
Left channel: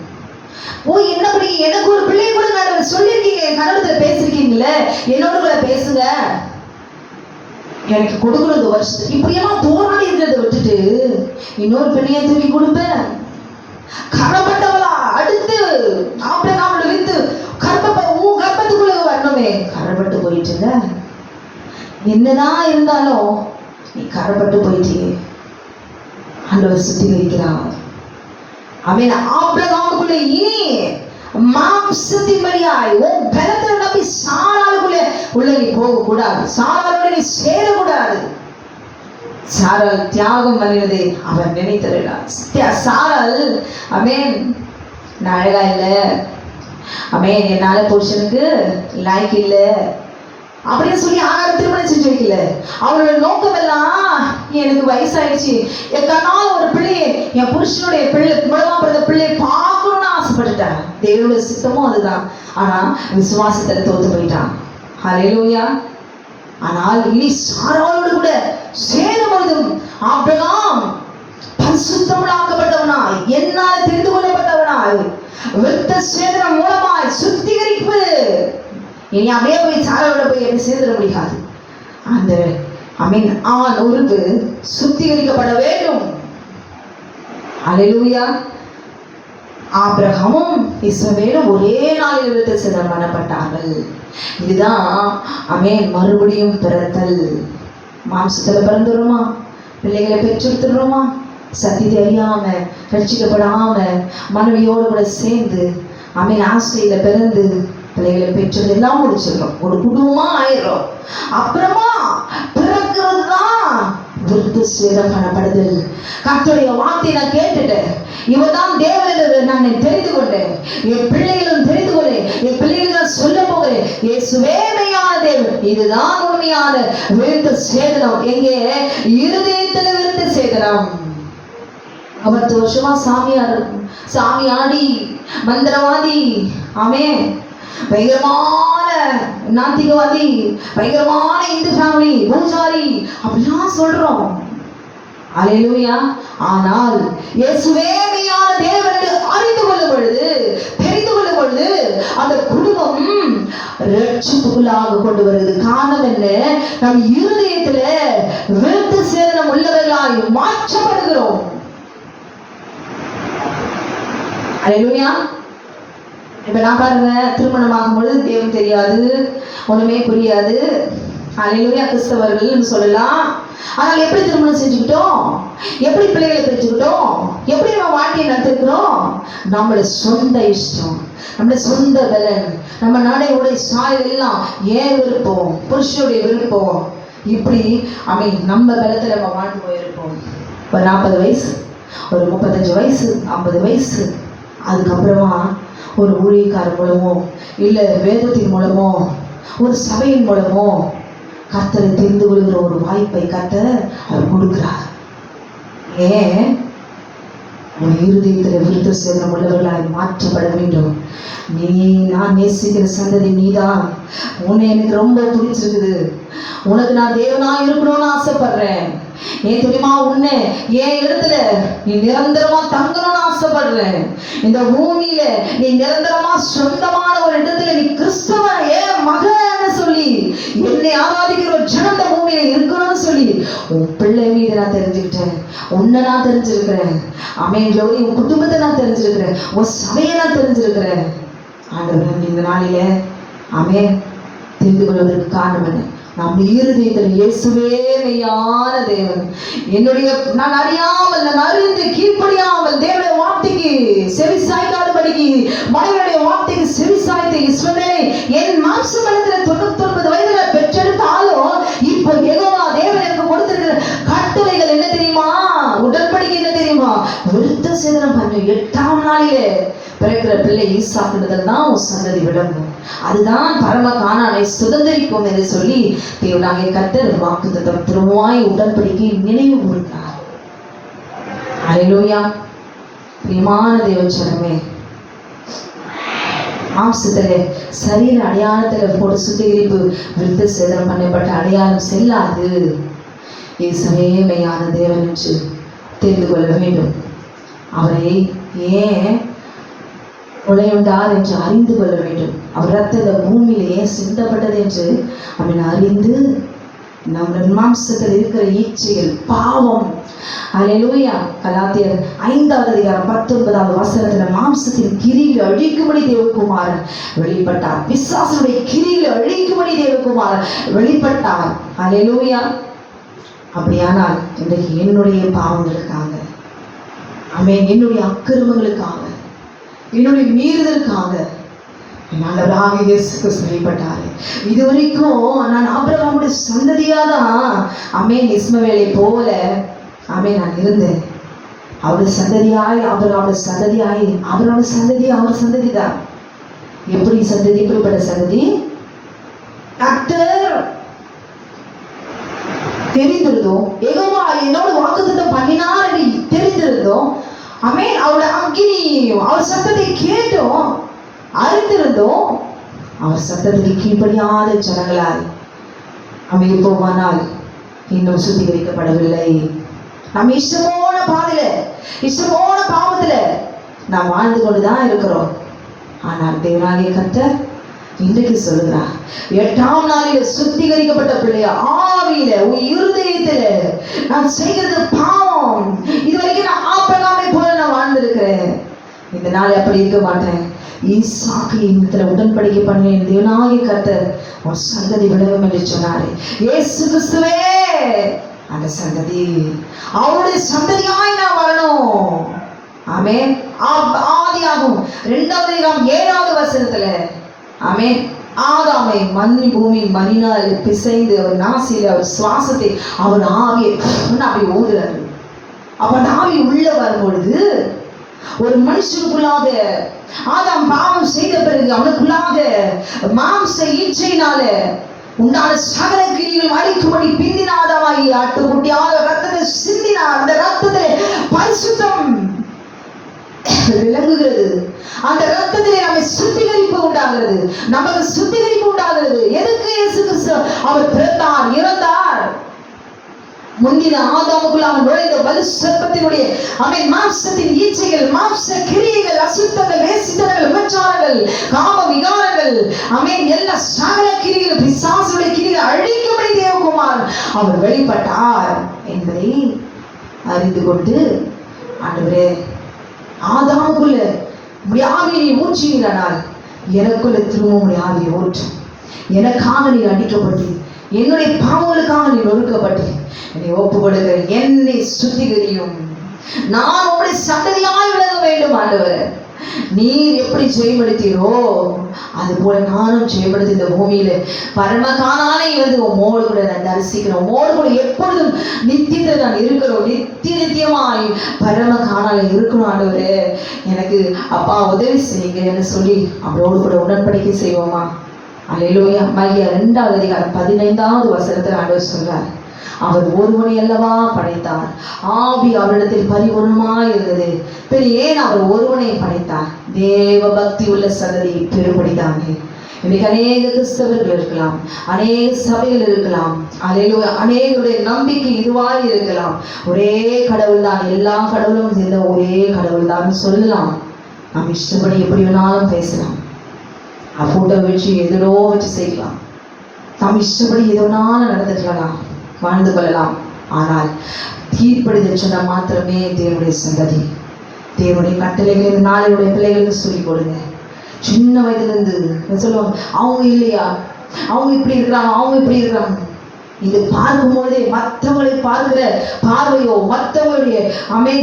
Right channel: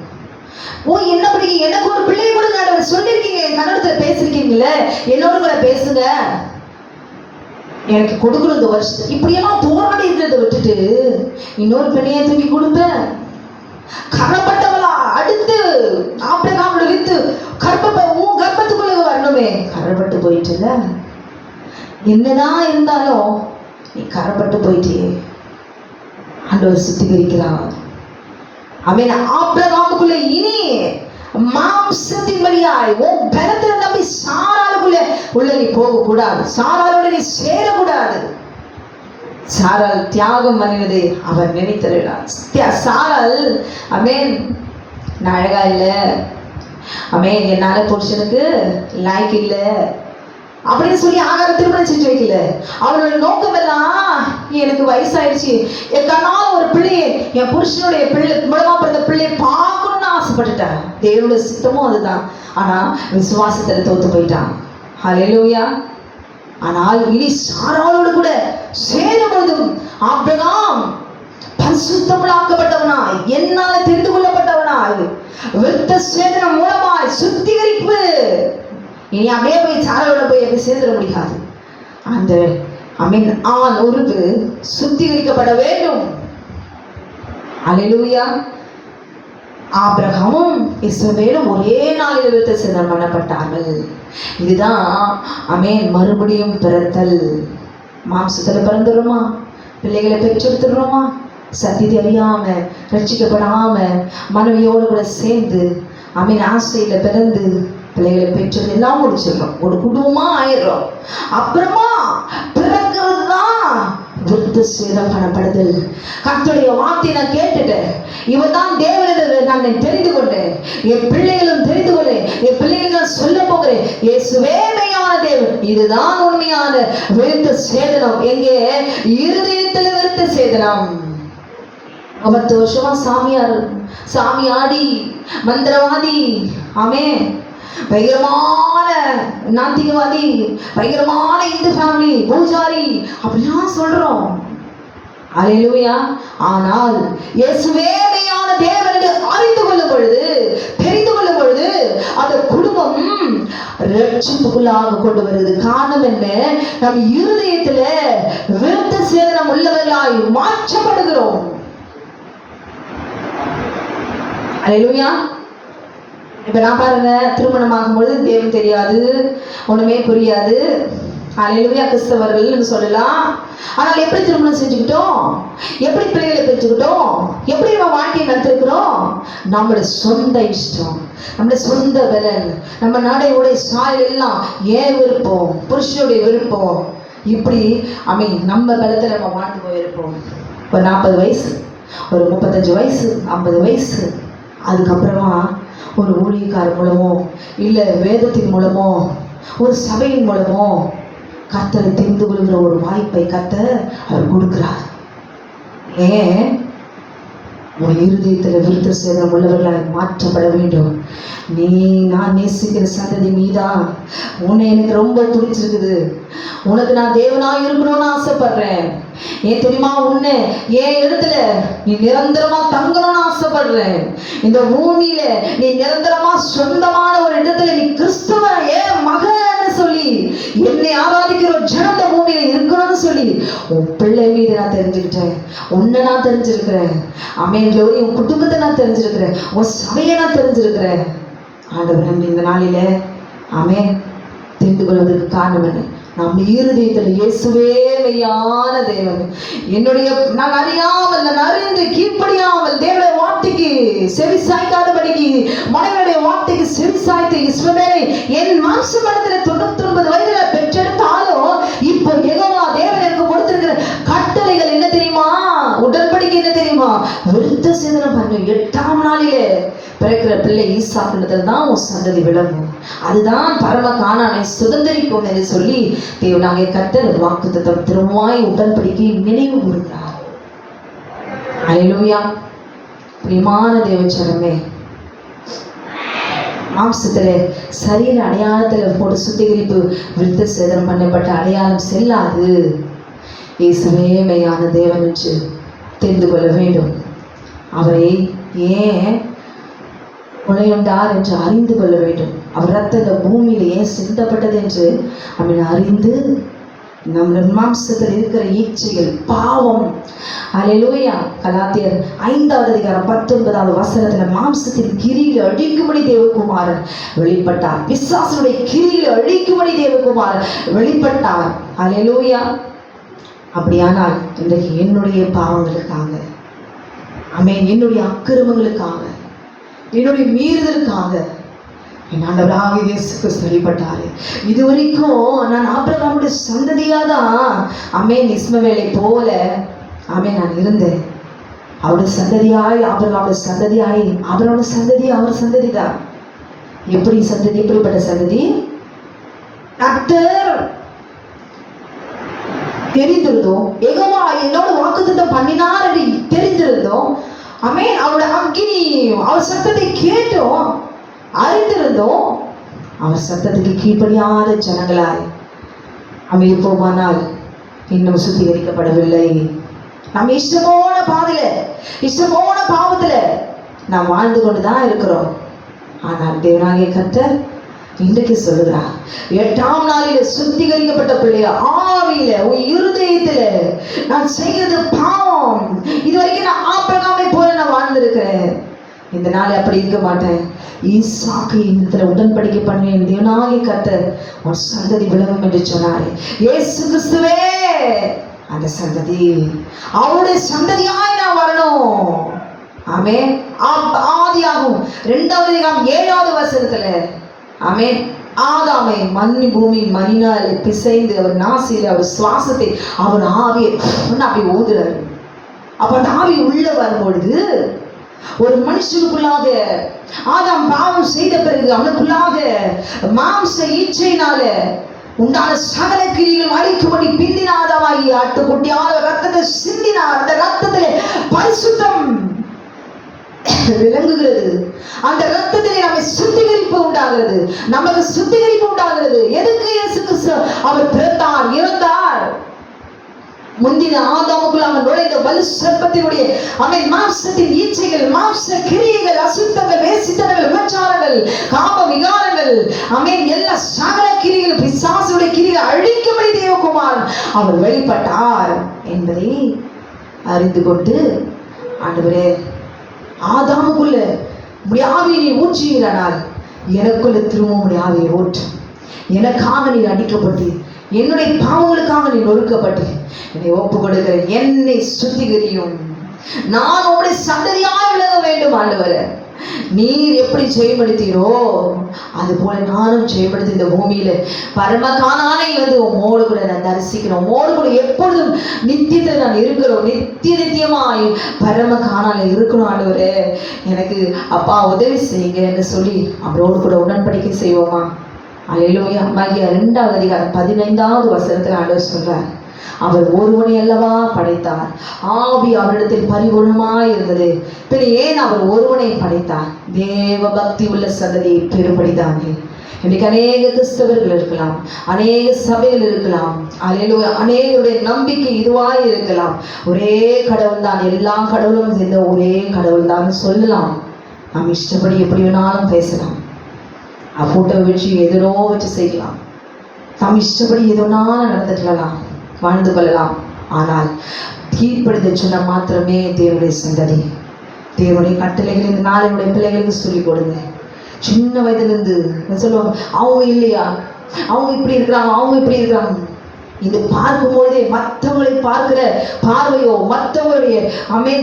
என்ன படிக்க, எனக்கு ஒரு பிள்ளைய கொடுங்க சொல்லிருக்கீங்க, கணவர்கிட்ட பேசிருக்கீங்களே, என்னோட கூட பேசுங்க. எனக்கு கொடுக்குறது வருஷம் இப்படியெல்லாம் போராடி இருக்கிறத விட்டுட்டு இன்னொரு பெண்ணையை தூக்கி கொடுப்பேன். கரப்பட்டவளா அடுத்து ஆபிரகாம் வித்து உன் கர்ப்பத்துக்குள்ள வரணுமே, கரப்பட்டு போயிட்டுல. என்னதான் இருந்தாலும் நீ கரப்பட்டு போயிட்டியே, ஆண்டவர் சுத்திகரிக்கிறார். அவன் ஆபிரகாமுக்குள்ள இனி மாம்சத்தின் வழியாய் உன் பலத்தை நம்பி சாராளுக்குள்ள உள்ள நீ போக கூடாது, சாராளோட நீ சேரக்கூடாது. சாராள் தியாகம் பண்ணினதை அவர் நினைத்தருளார். சாராள் அமேன் நான் அழகா இல்லை, அமேன் என்னால புருஷனுக்கு லாய்க்கு இல்லை அப்படின்னு சொல்லி ஆகாரம் திருமணம் செஞ்சு வைக்கல. அவளோட நோக்கம் எல்லாம் எனக்கு வயசாயிடுச்சு, என் கண்ணால ஒரு பிள்ளையை என் புருஷனுடைய பிள்ளை மூலமா பிறந்த பிள்ளையை பார்க்கணும்னு ஆசைப்பட்டுட்டான். தேவனுடைய சித்தமும் அதுதான். ஆனா விசுவாசத்துல தோத்து போயிட்டான். ஹல்லேலூயா. ஆனால் இனி சாராளோடு கூட சேரும் பொழுதும் ஆபிரகாம் பரிசுத்தமாக்கப்பட்டவனாய், என்னால தெரிந்து கொள்ளப்பட்டவனாய், விருத்த சேதனம் மூலமாய் சுத்திகரிப்பு. இனி அப்படியே போய் சாராளோட போய் எப்படி சேர்ந்துட முடியாது. அந்த ஆண் உருவு சுத்திகரிக்கப்பட வேண்டும். ஹல்லேலூயா. ஆபிரகாமும் இஸ்மவேலும் ஒரே நாளில் விருத்த சேதனம் பண்ணப்பட்டார்கள். இதுதான் மறுபடியும் பிறத்தல். மாம்சத்துல பிறந்துடுறோமா, பிள்ளைகளை பெற்றெடுத்துடுறோமா, சத்தியத்தை அறியாம ரட்சிக்கப்படாம மனைவியோடு கூட சேர்ந்து ஆசையில பிறந்து பிள்ளைகளை பெற்றது எல்லாம் முடிச்சிடறோம், ஒரு குடும்பமா ஆயிடுறோம். அப்புறமா பிறக்கிறது தான் விருத்த சேதனம் பண்ணப்படுதல். கர்த்தருடைய வார்த்தையை நான் கேட்டுட்டேன், இவதான் தேவன் நான் தெரிந்து கொண்டேன், என் பிள்ளைகளும் தெரிந்து கொண்டேன், என் பிள்ளைகளுக்கு சொல்ல போகிறேன், இயேசுவே மெய்யான தேவன். இதுதான் உண்மையான விருத்த சேதனம். எங்கே? இருதயத்துல விருத்த சேதனம். 10 வருஷமா சாமியாடி மந்திரவாதி, பயங்கரமான நாத்திகவாதி, பயங்கரமான இந்து ஃபேமிலி பூஜாரி அப்படிலாம் சொல்றோம். ஹல்லேலூயா. ஆனால் இயேசுவே மெய்யான தேவன் என்று அறிந்து கொள்ளும் பொழுது, தெரிந்து கொள்ளும் பொழுது அந்த குடும்பம் ரட்சிப்புக்குள்ளாக கொண்டு வருது. காரணம் என்ன? நம் இருதயத்துல விருத்த சேதனம் உள்ளவர்களாய் மாற்றப்படுகிறோம். ஹல்லேலூயா. இப்ப நான் பாருங்க, திருமணம் ஆகும்போது தேவன் தெரியாது, ஒண்ணுமே புரியாது. ஹல்லேலூயா. கிறிஸ்தவர்கள் சொல்லலாம். ஆனால் எப்படி திருமணம் செஞ்சுக்கிட்டோம், எப்படி பிள்ளைகளை பெற்றுக்கிட்டோம், எப்படி நம்ம வாழ்க்கையை நடத்திருக்கிறோம்? நம்மளோட சொந்த இஷ்டம், நம்மளோட சொந்த பலன், நம்ம நாடையுடைய சாயல் எல்லாம் ஏன் விருப்பம், புருஷனுடைய விருப்பம், இப்படி நம்ம பலத்தை நம்ம வாழ்ந்து போயிருப்போம். ஒரு 40 வயசு, ஒரு 35 வயசு, 50 வயசு, அதுக்கப்புறமா ஒரு ஊழியக்காரர் மூலமோ இல்லை வேதத்தின் மூலமோ ஒரு சபையின் மூலமோ கர்த்தரை தெரிந்து கொள்கிற ஒரு வாய்ப்பை கர்த்தர் அவர் கொடுக்கிறார். ஏன்? உன் இருதயத்தில் விருத்த சேதனம் உள்ளவர்களாய் மாற்றப்பட வேண்டும். நான் நேசிக்கிற சந்ததி நீதான். உன்னை எனக்கு ரொம்ப பிடிச்சிருக்குது, உனக்கு நான் தேவனா இருக்கணும்னு ஆசைப்படுறேன். ஏன் தெரியுமா? உன்னை என் இடத்துல நீ நிரந்தரமா தங்கணும்னு ஆசைப்படுறேன். இந்த பூமியில நீ நிரந்தரமா சொந்தமான ஒரு இடத்துல நீ கிறிஸ்துவ ஏன் மகன் சொல்லி என்னை ஆராதிக்கிற ஒரு ஜனந்த பூமியில இருக்கணும்னு சொல்லி உன் பிள்ளை மீது நான் தெரிஞ்சுக்கிட்டேன், உன்னை நான் தெரிஞ்சிருக்கிறேன். உன் குடும்பத்தை நான் தெரிஞ்சிருக்கிறேன், உன் சபையை நான் தெரிஞ்சிருக்கிறேன். ஆண்டவர் இந்த நாளில தெரிந்து கொள்வதற்கு காரணம் என்ன? நம்ம இருதயத்தில் இயேசுவே மெய்யான தேவன். நான் அறியாமல், நான் அறிந்து கீழ்ப்படியாமல் தேவனுடைய வார்த்தைக்கு செவி சாய்க்காதபடிக்கு, மனைவியுடைய வார்த்தைக்கு செவி சாய்த்து இஸ்மவேலை என் மாம்ச பலத்துல 99 வயதுல பெற்றெடுத்தாலும் இப்போ யெகோவா தேவன் எனக்கு கொடுத்திருக்கிற கட்டளைகள் என்ன தெரியுமா? உடன்படிக்கை என்ன தெரியுமா? விருத்த சேதனம் பண்ண 8ஆம் நாளிலே பிறக்கிற பிள்ளை ஈசாக்குன்றதுல தான் உன் சந்ததி விளங்கும், அதுதான் பரம கானானை சுதந்திரிக்கும் என்று சொல்லி தேவனாகிய கர்த்தர் வாக்குத்தத்தம் திரும்பவாய் உடன்படிக்கை நினைவு கொடுத்தார். ஹல்லேலூயா. பிரியமான தேவச்சனமே, மாம்சத்துல சரீர அடையாளத்துல போட்டு சுத்திகரிப்பு விருத்த சேதனம் பண்ணப்பட்ட அடையாளம் செல்லாது. இயேசுவே மெய்யான தேவன் என்று தெரிந்து கொள்ள வேண்டும். அவரை ஏன் நுழையுண்டார் என்று அறிந்து கொள்ள வேண்டும். அவர் ரத்தம் இந்த பூமியில ஏன் சிந்தப்பட்டது என்று அறிந்து நம்ம மாம்சத்தில் இருக்கிற இச்சைகள், பாவம். அல்லேலூயா. கலாத்தியர் 5வது அதிகாரம் 19வது வசனத்துல மாம்சத்தின் கிரியை அழிக்கும்படி தேவகுமாரன் வெளிப்பட்டார். பிசாசுடைய கிரியை அழிக்கும்படி தேவகுமாரன் வெளிப்பட்டார். அல்லேலூயா. அப்படியானால் இன்றைக்கு என்னுடைய பாவங்களுக்காக, ஆமென், என்னுடைய அக்கிரமங்களுக்காக, என்னுடைய மீறுதலுக்காக என் ஆண்டவராகிய இயேசு கிறிஸ்து வெளிப்பட்டாரு. இதுவரைக்கும் நான் ஆபிரகாமுடைய சந்ததியாதான், ஆமென், இஸ்மவேலை போல, ஆமென், நான் இருந்தேன். அவருடைய சந்ததியாய், ஆபிரகாமுடைய சந்ததியாய், அவரோட சந்ததி அவர் சந்ததி தான். எப்படி சந்ததி? எப்படிப்பட்ட சந்ததி? கர்த்தர் தெரிந்திருந்தோம், யெகோவா என்னோட வாக்குத்தத்தம் பண்ணினார் என்று தெரிந்திருந்தோம், ஆமென், அவருடைய அக்கினி, அவர் சத்தத்தை கேட்டோம், அறிந்திருந்தோம். அவர் சத்தத்துக்கு கீழ்ப்படியாத ஜனங்களாய் அமைப்போமானால் இன்னும் சுத்திகரிக்கப்படவில்லை. நம்ம இஷ்டமான பாதையில, இஷ்டமான பாவத்துல நாம் வாழ்ந்து கொண்டுதான் இருக்கிறோம். ஆனால் தேவனாகிய கர்த்தர் இன்றைக்கு சொல்லுகிறார், 8ஆம் நாளில சுத்திகரிக்கப்பட்ட பிள்ளைய ஆவியில, உன் இருதயத்துல நான் செய்தது பாவம், இதுவரைக்கும் நான் ஆபிரகாமை போல நான் வாழ்ந்திருக்கிறேன், இந்த நாள் அப்படி இருக்க மாட்டேன். ஈசாக்கு இந்த உடன்படிக்கை பண்ணி தேவனாகிய கர்த்தர் ஒரு சந்ததி விளங்கும் என்று சொன்னாரே, இயேசு கிறிஸ்துவே அந்த சந்ததி, அவருடைய சந்ததியாய் நான் வரணும். ஆமென். ஆதியாகமம் 2வது அதிகாரம் 7வது வசனத்துல, ஆமென், ஆதாமை மண்ணி பூமி மணினால் பிசைந்து அவர் நாசியில் அவர் சுவாசத்தை, அவர் ஆவியை அப்படி ஓதுறாரு. அப்ப அந்த ஆவி உள்ள வரும் பொழுது ஒரு மனுஷனுக்குள்ளாக, ஆதாம் பாவம் செய்த பிறகு அவனுக்குள்ளாக மாம்ச இச்சையினால உண்டான சகல கிரிகளும் அழிக்கும்படி பிந்தின ஆதாமாகி ஆட்டுக்குட்டியாக ரத்தத்தை சிந்தினார். அந்த ரத்தத்திலே பரிசுத்தம் விளங்குகிறது. அந்த ரத்தத்திலே நம்மை சுத்திகரிப்பு உண்டாகிறது, நமக்கு சுத்திகரிப்பு உண்டாகிறது. எதுக்கு இயேசு கிறிஸ்து அவர் பிறந்தார், இறந்தார்? முந்தின ஆதாமுக்குள் அவன் நுழைந்த வலு சர்ப்பத்தினுடைய, அவன் மாம்சத்தின் ஈச்சைகள், மாம்ச கிரியைகள், அசுத்தங்கள், வேசித்தனங்கள், விபச்சாரங்கள், காம விகாரங்கள், அவன் எல்லா சகல கிரிகள், பிசாசுடைய கிரிகள் அழிக்கும்படி தேவகுமார் அவர் வெளிப்பட்டார் என்பதை அறிந்து கொண்டு, ஆண்டவரே, ஆதாமுக்குள்ள ஆவியை ஊற்றுகிறானால் எனக்குள்ள திரும்பவும் ஆவியை ஊற்றும். எனக்காக நீ அடிக்கப்பட்டு, என்னுடைய பாவங்களுக்காக நீ நொறுக்கப்பட்டு, என்னை ஒப்பு கொடுக்கிறேன், என்னை சுத்திகரியும், நான் உடைய சந்ததியாய் விளங்க வேண்டும். ஆண்டவரே, நீர் எப்படி ஜெயப்படுத்தீரோ அது போல நானும் ஜெயப்படுத்தி இந்த பூமியில பரம கானானை வந்து உம்மோடு கூட நான் தரிசிக்கிறோம், உம்மோடு கூட எப்பொழுதும் நித்தியத்தில் நான் இருக்கிறோம், நித்தியமாய் பரம கானால இருக்கணும். ஆண்டவரே, எனக்கு அப்பா உதவி செய்யுங்கன்னு சொல்லி அவரோடு கூட உடன்படிக்கை செய்வோமா? அல்லேலூயா. மல்கியா 2வது அதிகாரம் 15வது வசனத்தில் ஆண்டவர் சொல்றார், அவர் ஒருவனை அல்லவா படைத்தார், ஆவி அவரிடத்தில் பரிபூர்ணமாய் இருந்தது, பின் ஏன் அவர் ஒருவனை படைத்தார்? தேவ பக்தி உள்ள சந்ததி பெரும்படிதானே. இன்னைக்கு அநேக கிறிஸ்தவர்கள் இருக்கலாம், அநேக சபைகள் இருக்கலாம், அல்லேலூயா, அநேகருடைய நம்பிக்கை இதுவாய் இருக்கலாம். ஒரே கடவுள் தான், எல்லா கடவுளும் சேர்ந்த ஒரே கடவுள் தான் சொல்லலாம். நாம் இஷ்டப்படி எப்படி வேணாலும் பேசலாம், ஃபோட்டோ வச்சு எதோ வச்சு செய்யலாம், நாம் இஷ்டப்படி எதோனாலும் நடந்துக்கலாம், வாழ்ந்து கொள்ளலாம். ஆனால் கீழ்ப்படிதல் சொன்ன மாத்திரமே தேவனுடைய சந்ததி. தேவனுடைய கட்டளைகள் இந்த நாளுடைய பிள்ளைகளுக்கு சொல்லிக் கொடுங்க. சின்ன வயதிலிருந்து சொல்லுவோம், அவங்க இல்லையா, அவங்க இப்படி இருக்கிறாங்க, அவங்க இப்படி இருக்கிறாங்க. இது பார்க்கும்போதே மற்றவங்களை பார்க்கிற பார்வையோ, மற்றவங்களுடைய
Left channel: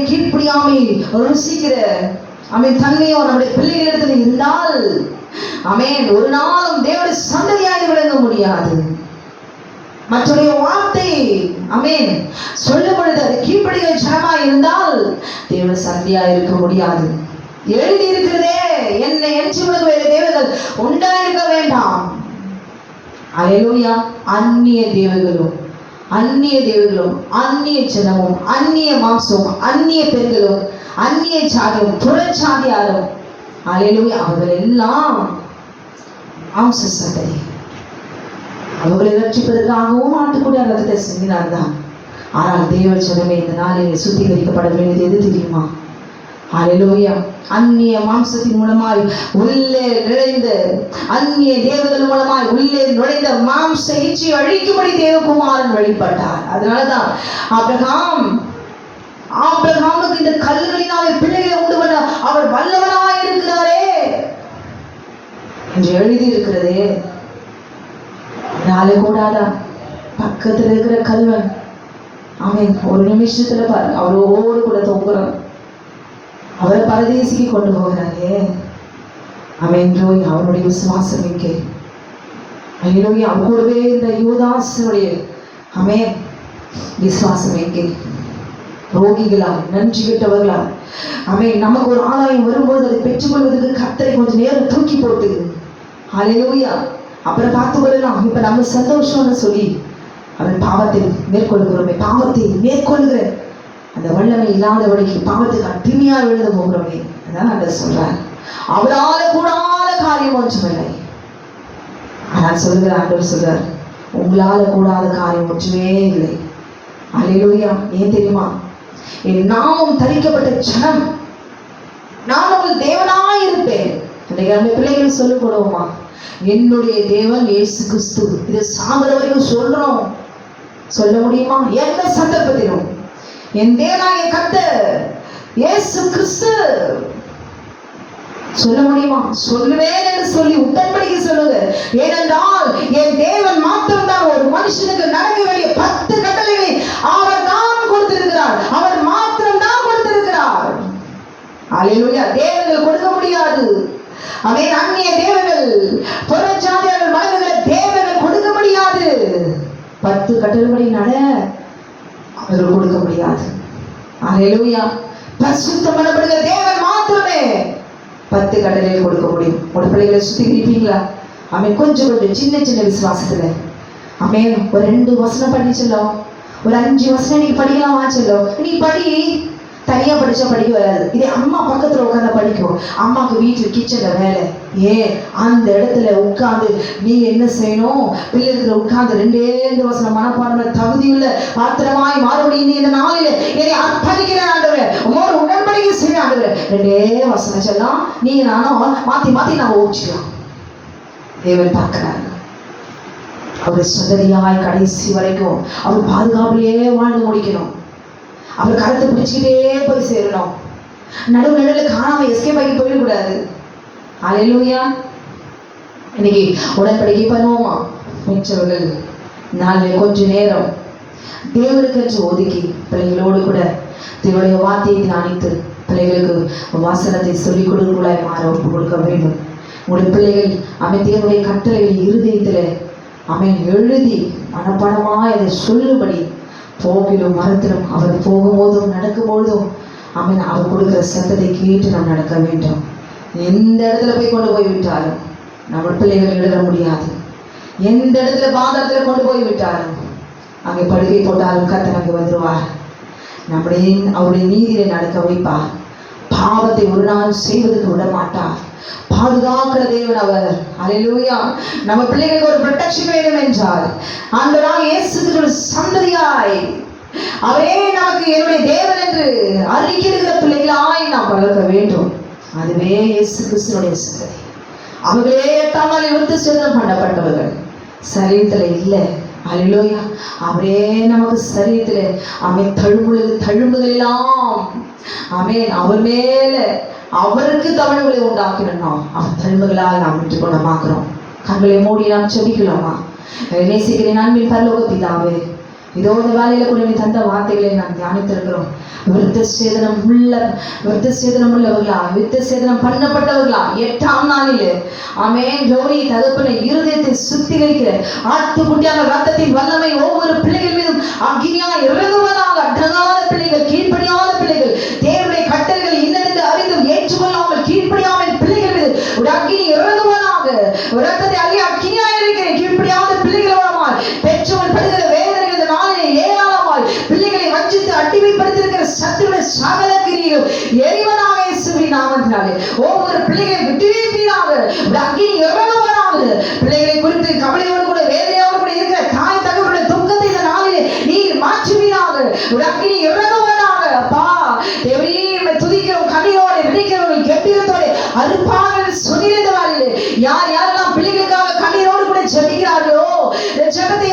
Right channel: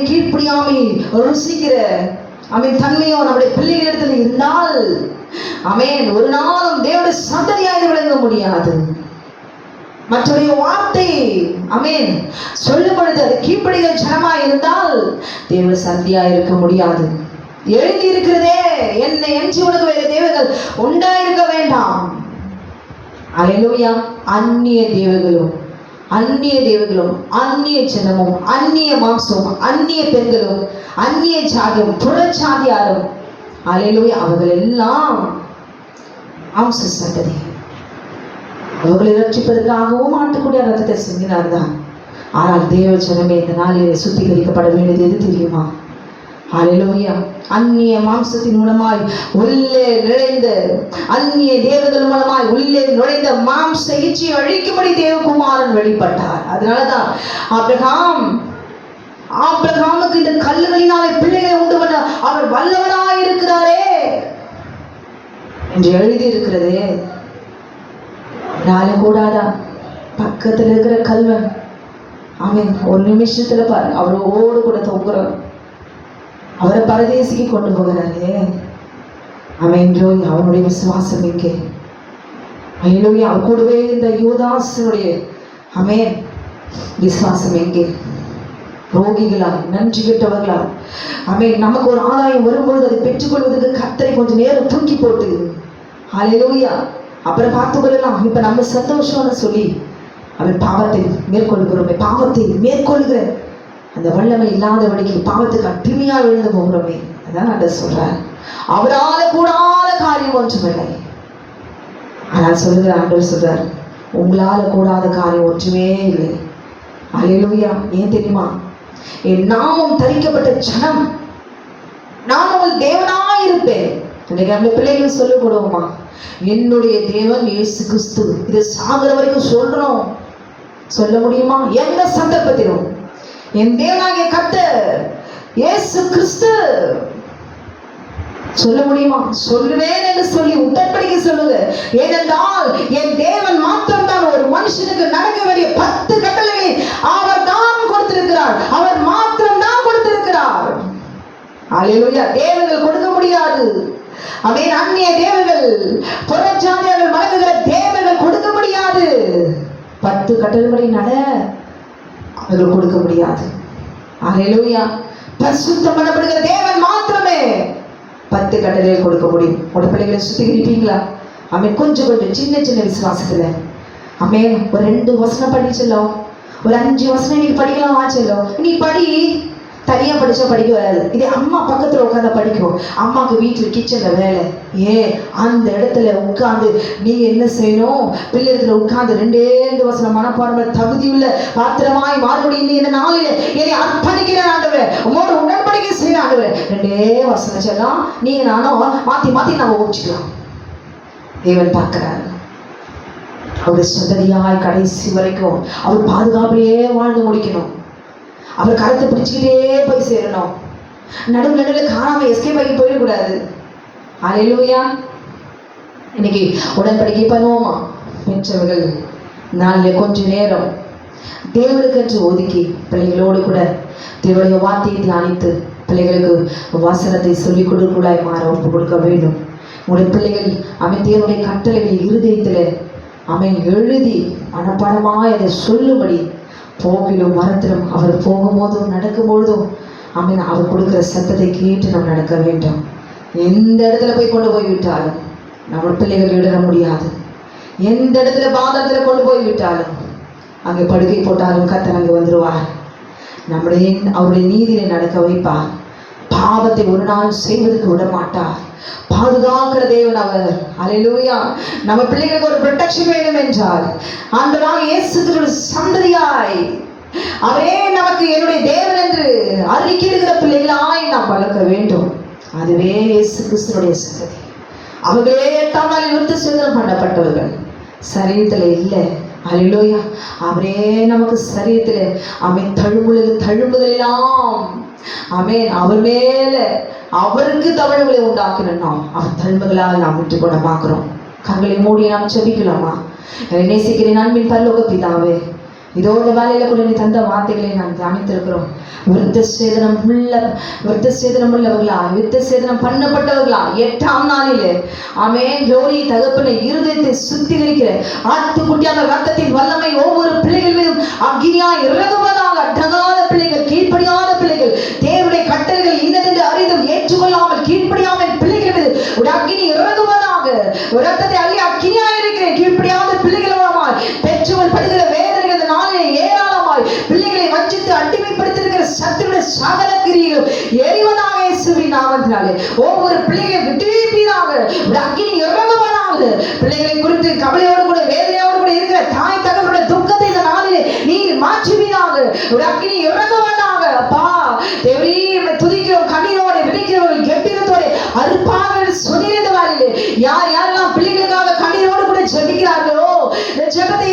கீழ்ப்படியாமை ருசிக்கிற தன்மையோ நம்முடைய பிள்ளைகளிடத்தில் இருந்தால் ஒரு நாளும் தேவனுடைய சந்ததியாக விளங்க முடியாது. மற்றொரு வார்த்தை சொல்லும் பொழுது அது கீழ்ப்படிகிற ஜனமா இருந்தால் தேவ சந்தியா இருக்க முடியாது. எழுதி இருக்கிறதே, என்னை என்று உனக்கு வேறு தேவர்கள் உண்டாயிருக்க வேண்டாம். அல்லேலூயா. அந்நிய தேவர்களும் அந்நிய ஜனமும், அந்நிய மாம்சமும், அந்நிய பெண்களும், அந்நிய ஜாதியும், புறச்சாதியாரும், அல்லேலூயா, அவர்கள் எல்லாம் மாம்ச சந்ததி. அவர்களை ரட்சிப்பதற்காகவும் ஆட்டுக்குடிய ரத்தத்தை சிந்தினார்தான். ஆனால் தேவ ஜனமே இந்த நாளிலே சுத்திகரிக்கப்பட வேண்டியது எது தெரியுமா? அல்லேலூயா. அந்நிய மாம்சத்தின் மூலமாய் உள்ளே நுழைந்த, அந்நிய தேவதன் மூலமாய் உள்ளே நுழைந்த மாம்ச எகிப்தியை அழிக்கும்படி தேவகுமாரன் வெளிப்பட்டார். அதனாலதான் ஆபிரகாமுக்கு இந்த கல்லுகளினாலே பிள்ளைகளை உண்டு பண்ண அவர் வல்லவனாய் இருக்கிறாரே என்று எழுதி இருக்கிறதே. நாளை கூடாதா? பக்கத்தில் இருக்கிற கல்வன் ஆமென் ஒரு நிமிஷத்துல பாரு அவரோடு கூட தொங்குறோம். அவரை பரதேசிக்கு கொண்டு போகிறாரே. ஆமென். அவனுடைய விசுவாசம் எங்கே? அல்லேலூயா. அவர் கூடவே இந்த யூதாசனுடைய ஆமென் விசுவாசம் எங்கே? ரோகிகளா, நன்றி கெட்டவர்களா? ஆமென். நமக்கு ஒரு ஆதாயம் வரும்போது அதை பெற்றுக்கொள்வதற்கு கர்த்தரை கொஞ்சம் நேரம் தூக்கி போட்டு அல்லேலூயா அப்புறம் பார்த்துக் கொள்ளலாம், இப்ப நம்ம சந்தோஷம்னு சொல்லி அவன் பாவத்தை மேற்கொள்கிறோமே, பாவத்தை மேற்கொள்கிற அந்த வல்லமை இல்லாதவனுக்கு பாவத்துக்கு அடிமையா விழுந்து போகிறோமே. அதான் நான் சொல்றேன், அவரால கூடாத காரியம் ஒன்றுமில்லை. ஆனால் சொல்லுகிற ஆண்டவர் சொல்றார், உங்களால கூடாத காரியம் ஒன்றுமே இல்லை. அல்லேலூயா. ஏன் தெரியுமா? என் நாமம் தரிக்கப்பட்ட ஜனம், நான் உங்கள் தேவனாய் இருப்பேன். இன்னைக்கு நம்ம பிள்ளைகள் சொல்ல போடுவோமா, என்னுடைய தேவன் இயேசு கிறிஸ்து. இது சாகிற வரைக்கும் சொல்றோம். சொல்ல முடியுமா? எந்த சந்தர்ப்பத்திலும் என் தேவனாகிய கர்த்தர் இயேசு கிறிஸ்து சொல்ல முடியுமா? சொல்லுவேன் என்று சொல்லி உடன்படிக்கை சொல்லுங்க. ஏனென்றால் என் தேவன் மாத்திரம் தான் ஒரு மனுஷனுக்கு நடக்க வேண்டிய 10 கட்டளைகளை அவர் தான் கொடுத்திருக்கிறார். அவர் மாத்திரம் தான் கொடுத்திருக்கிறார். அல்லேலூயா. தேவர்கள் கொடுக்க முடியாது. அவை அந்நிய தேவர்கள், புறஜாதியார்கள் வழங்குகிற தேவர்கள் கொடுக்க முடியாது. 10 கட்டளைகளை நட அவர்கள் கொடுக்க முடியாது. அல்லேலூயா. பரிசுத்தம் பண்ணப்படுகிற தேவன் மாத்திரமே 10 கட்டளையை கொடுக்க முடியும். உங்க பிள்ளைகளை சுத்திகரிப்பீங்களா? அவன் கொஞ்சம் சின்ன சின்ன விசுவாசத்துல அவன் ஒரு 2 வசனம் படிச்சலோ, ஒரு 5 வசனம் நீ படிக்கலாம் வாச்சலோ, நீ படி. தனியா படிச்சா படிக்க வராது. இதே அம்மா பக்கத்துல உட்காந்து படிக்கும். அம்மாவுக்கு வீட்டுல கிச்சன்ல வேலை, அந்த இடத்துல உட்கார்ந்து நீ என்ன செய்யணும்? பிள்ளைகளை உட்கார்ந்து 2 வசனம் மனப்பாடம் தகுதியுள்ள பாத்திரமாய் மறுபடியும் இந்த நாளில் என்னை அர்ப்பணிக்கிறேன் ஆண்டவரே, உங்களோட உடன்படிக்கை செய்ய ஆண்டவரே. 2 வசனம் சொல்லலாம், நீங்க நானும் மாத்தி மாத்தி நம்ம ஓடிச்சுக்கலாம். தேவன் பார்க்கிறார். அவருடைய சந்ததியாய் கடைசி வரைக்கும் அவர் பாதுகாப்பிலேயே வாழ்ந்து முடிக்கணும். அவர் கருத்தை பிடிச்சுக்கிட்டே போய் சேரணும். நடுவில் காணாம எஸ்கேப் ஆகி போயிடக்கூடாது. அல்லேலூயா. இன்னைக்கு உடன்படிக்கை பண்ணுவோமா? பெற்றவர்கள் நாளில் கொஞ்ச நேரம் தேவனுக்கு என்று ஒதுக்கி பிள்ளைகளோடு கூட தேவனுடைய வார்த்தையை தியானித்து பிள்ளைகளுக்கு வாசனத்தை சொல்லிக் கொடுக்கலாய் மாற ஒப்பு கொடுக்க வேண்டும். உங்களுடைய பிள்ளைகள் தேவனுடைய கட்டளைகளை இருதயத்தில் எழுதி மனப்பாடமாய் அதை சொல்லும்படி போகிலும் மரத்திலும் அவர் போகும்போதும் நடக்கும்போதும் அவர் கொடுக்கிற சத்தத்தை கேட்டு நாம் நடக்க வேண்டும். எந்த இடத்துல போய் கொண்டு போய் விட்டாலும் நம்ம பிள்ளைகள் இடர முடியாது. எந்த இடத்துல பாதத்துல கொண்டு போய் விட்டாலும் அங்கே படுக்கை போட்டாலும் கர்த்தர் அங்கே வந்துடுவார். அவருடைய நீதியை நடக்க வைப்பார். பாவத்தை ஒரு நாள் செய்வதற்கு விட மாட்டார். பாதுகாக்கிற தேவன் அவர். அல்லேலூயா. நம்ம பிள்ளைகளுக்கு ஒரு ப்ரொடெக்ஷன் வேணும் என்றால் ஆண்டவராகிய இயேசு கிறிஸ்து சந்ததியாய் அவரே நமக்கு என்னுடைய தேவன் என்று அறிக்கையிடுகிற பிள்ளைகளாய் நாம் வளர்க்க வேண்டும். அதுவே இயேசு கிறிஸ்துடைய சந்ததி. அவர்களே 8ஆம் நாளில் விருத்தசேதனம் பண்ணப்பட்டவர்கள், சரீரத்தில் இல்லை. அல்லேலூயா. அவரே நமக்கு சரீரத்தில் தழும்புகள் எல்லாம் அவர் மேல அவருக்கு தவறுகளை உண்டாக்கணும். நாம் அவர் தழும்புகளால் நாம் விட்டு குணமாக்குறோம். கண்களை மூடி நாம் செபிக்கலாமா? நேசிக்கிறேன் அன்பின் பரலோக பிதாவே, இதோ இந்த வேலையில கூட நீ தந்த வார்த்தைகளை நாம் தியானித்திருக்கிறோம். விருத்தசேதனம் உள்ளவர்களா, விருத்தசேதனம் பண்ணப்பட்டவர்களா 8ஆம் நாளிலே ஜோடி தகப்பனை இருதயத்தை சுத்திகரிக்கிற ஆட்டுக்குட்டியான ரத்தத்தின் வல்லமை ஒவ்வொரு பிள்ளைகள் மீதும் அக்னியாய் இறங்குவதாக. அடங்காத பிள்ளைகள், கீழ்ப்படியாத பிள்ளைகள், தேவனுடைய கட்டளைகள் இன்னதென்று அறிந்தும் ஏற்றுக்கொள்ளாமல் கீழ்ப்படியாமல் பிள்ளைகள் மீது ஒரு அக்னி இறங்குவதாக. ஒரு ரத்தத்தை அள்ளி அக்னியாய் இருக்கிற கீழ்ப்படியாத பிள்ளைகளோடமாய் பெற்றோர் படுகிற வேதனைகள் நாளிலே ஏராளமாய் பிள்ளைகளை வஞ்சித்து அடிமைப்படுத்திருக்கிற சத்துருடைய சகல கிரியைகள் எரிவதாக இயேசுவின் நாமத்தினாலே ஒவ்வொரு பிள்ளைகளை விட்டுவீராக. அக்னி இறங்குவதாக. பிள்ளைகளை குறித்து கவலையோடு கூட வேதனையோடு கூட இருக்கிற தாய் தகவலுடைய துக்கத்தை இந்த நாளிலே நீர் மாற்றுவீராக. ஒரு அக்னி இறங்குவதாக. அப்பா தேவரீரை துதிக்கிறோம். கனியோடு விழிக்கிறவர்கள் கெட்டியத்தோடு அறுப்பார்கள் சொல்லியிருந்த வாரிலே யார் யாரெல்லாம் பிள்ளைகளுக்காக கண்ணீரோடு கூட ஜெபிக்கிறார்களோ ஜெபத்தை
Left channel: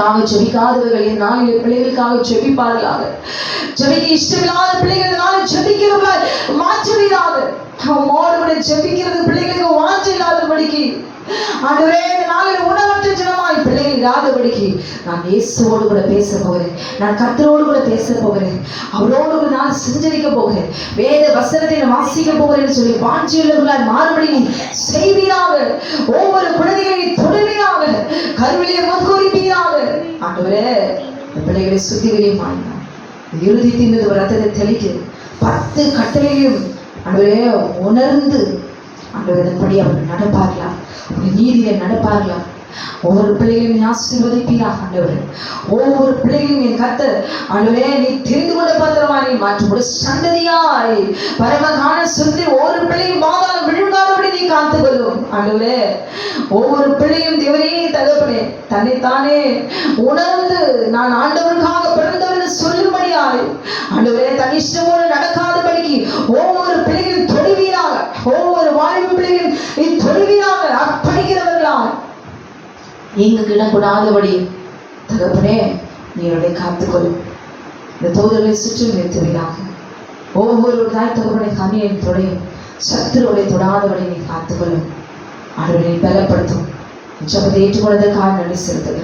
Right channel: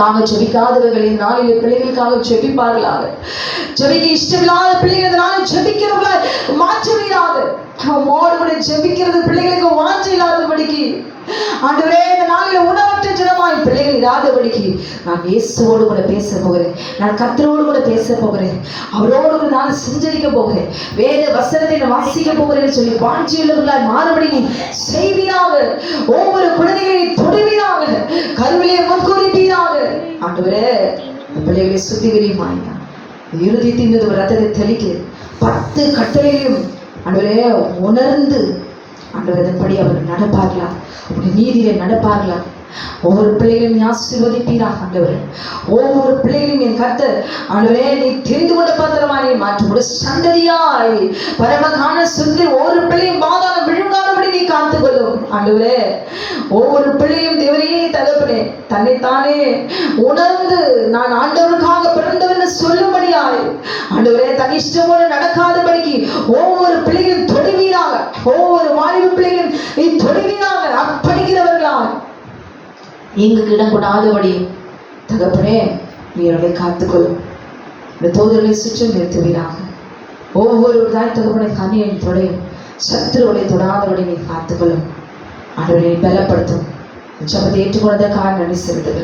தங்களுக்காக ஜெபிக்காதவர்கள் இந்த நாளில் பிள்ளைகளுக்காக ஜெபிப்பார்களாக. ஜெபிக்க இஷ்டமில்லாத பிள்ளைகள் இந்த நாளில் ஜெபிக்கிறவர்களாய் மாற்றுவீராக. உம்மோடு கூட ஜெபிக்கிறது பிள்ளைகளுக்கு வாஞ்சை இல்லாதபடிக்கு ஆண்டவரே இந்த நாளில் உணவற்ற ஜனமாய் பிள்ளைகள் இராதபடிக்கு நான் இயேசுவோடு கூட பேச போகிறேன். நான் கர்த்தரோடு கூட பேச போகிறேன். அவரோடு கூட நான் சஞ்சரிக்க போகிறேன். வேத வசனத்தை நான் வாசிக்க போகிறேன் சொல்லி வாஞ்சியுள்ளவர்களாய் மாறுபடி நீ செய்வீராக. ஒவ்வொரு குழந்தைகளையும் தொடுவீராக. கருவிலே முன்குறிப்பீராக. ஆண்டவரே பிள்ளைகளை சுத்திகரியுமாய் இறுதி தின்னது ரத்தத்தை தெளித்து 10 கட்டளையும் ஆண்டவரே உணர்ந்து ஆண்டவரதன்படி அவர் நடப்பார்களா, நீதியிலே நடப்பார்களா. ஒவ்வொரு பிள்ளைகளையும் ஆசீர்வதிப்பீராக ஆண்டவரே. ஒவ்வொரு பிள்ளைகளையும் என் கர்த்தர் ஆண்டவரே நீ தெரிந்து கொண்ட பத்திரமாய் மாற்றும் ஒரு சந்ததியாய் பரமகான சொல்லி ஒவ்வொரு பிள்ளையும் மாதாளம் விழுங்காதபடி நீ காத்துக்கொள்ளும் ஆண்டவரே. ஒவ்வொரு பிள்ளையும் தேவனே தகப்பனே தன்னைத்தானே உணர்ந்து நான் ஆண்டவருக்காக பிறந்தவன் சொல்லும்படியாய் ஆண்டவரே தன் இஷ்டமோடு நடக்காதபடிக்கு ஒவ்வொரு பிள்ளைகளும் தொடுவீராக. ஒவ்வொரு வாலிப பிள்ளைகளும் நீ தொடுவீராக. அர்ப்பணிக்கிறவர்களாய் எங்களுக்கு இடக்கூடாதபடி தகப்பனே நீ அவருடைய காத்துக்கொள்ளும். இந்த தோதர்களை சுற்றி நிறுத்துவீராக. ஒவ்வொரு தாய் தகப்பனை கண்ணியை தொடையும் சத்துருவை தொடாதபடி நீ காத்துக்கொள்ளும். அவர்களை பலப்படுத்தும். ஜபத்தை ஏற்றுக்கொண்டதற்காக நன்றி செலுத்துகிறேன்.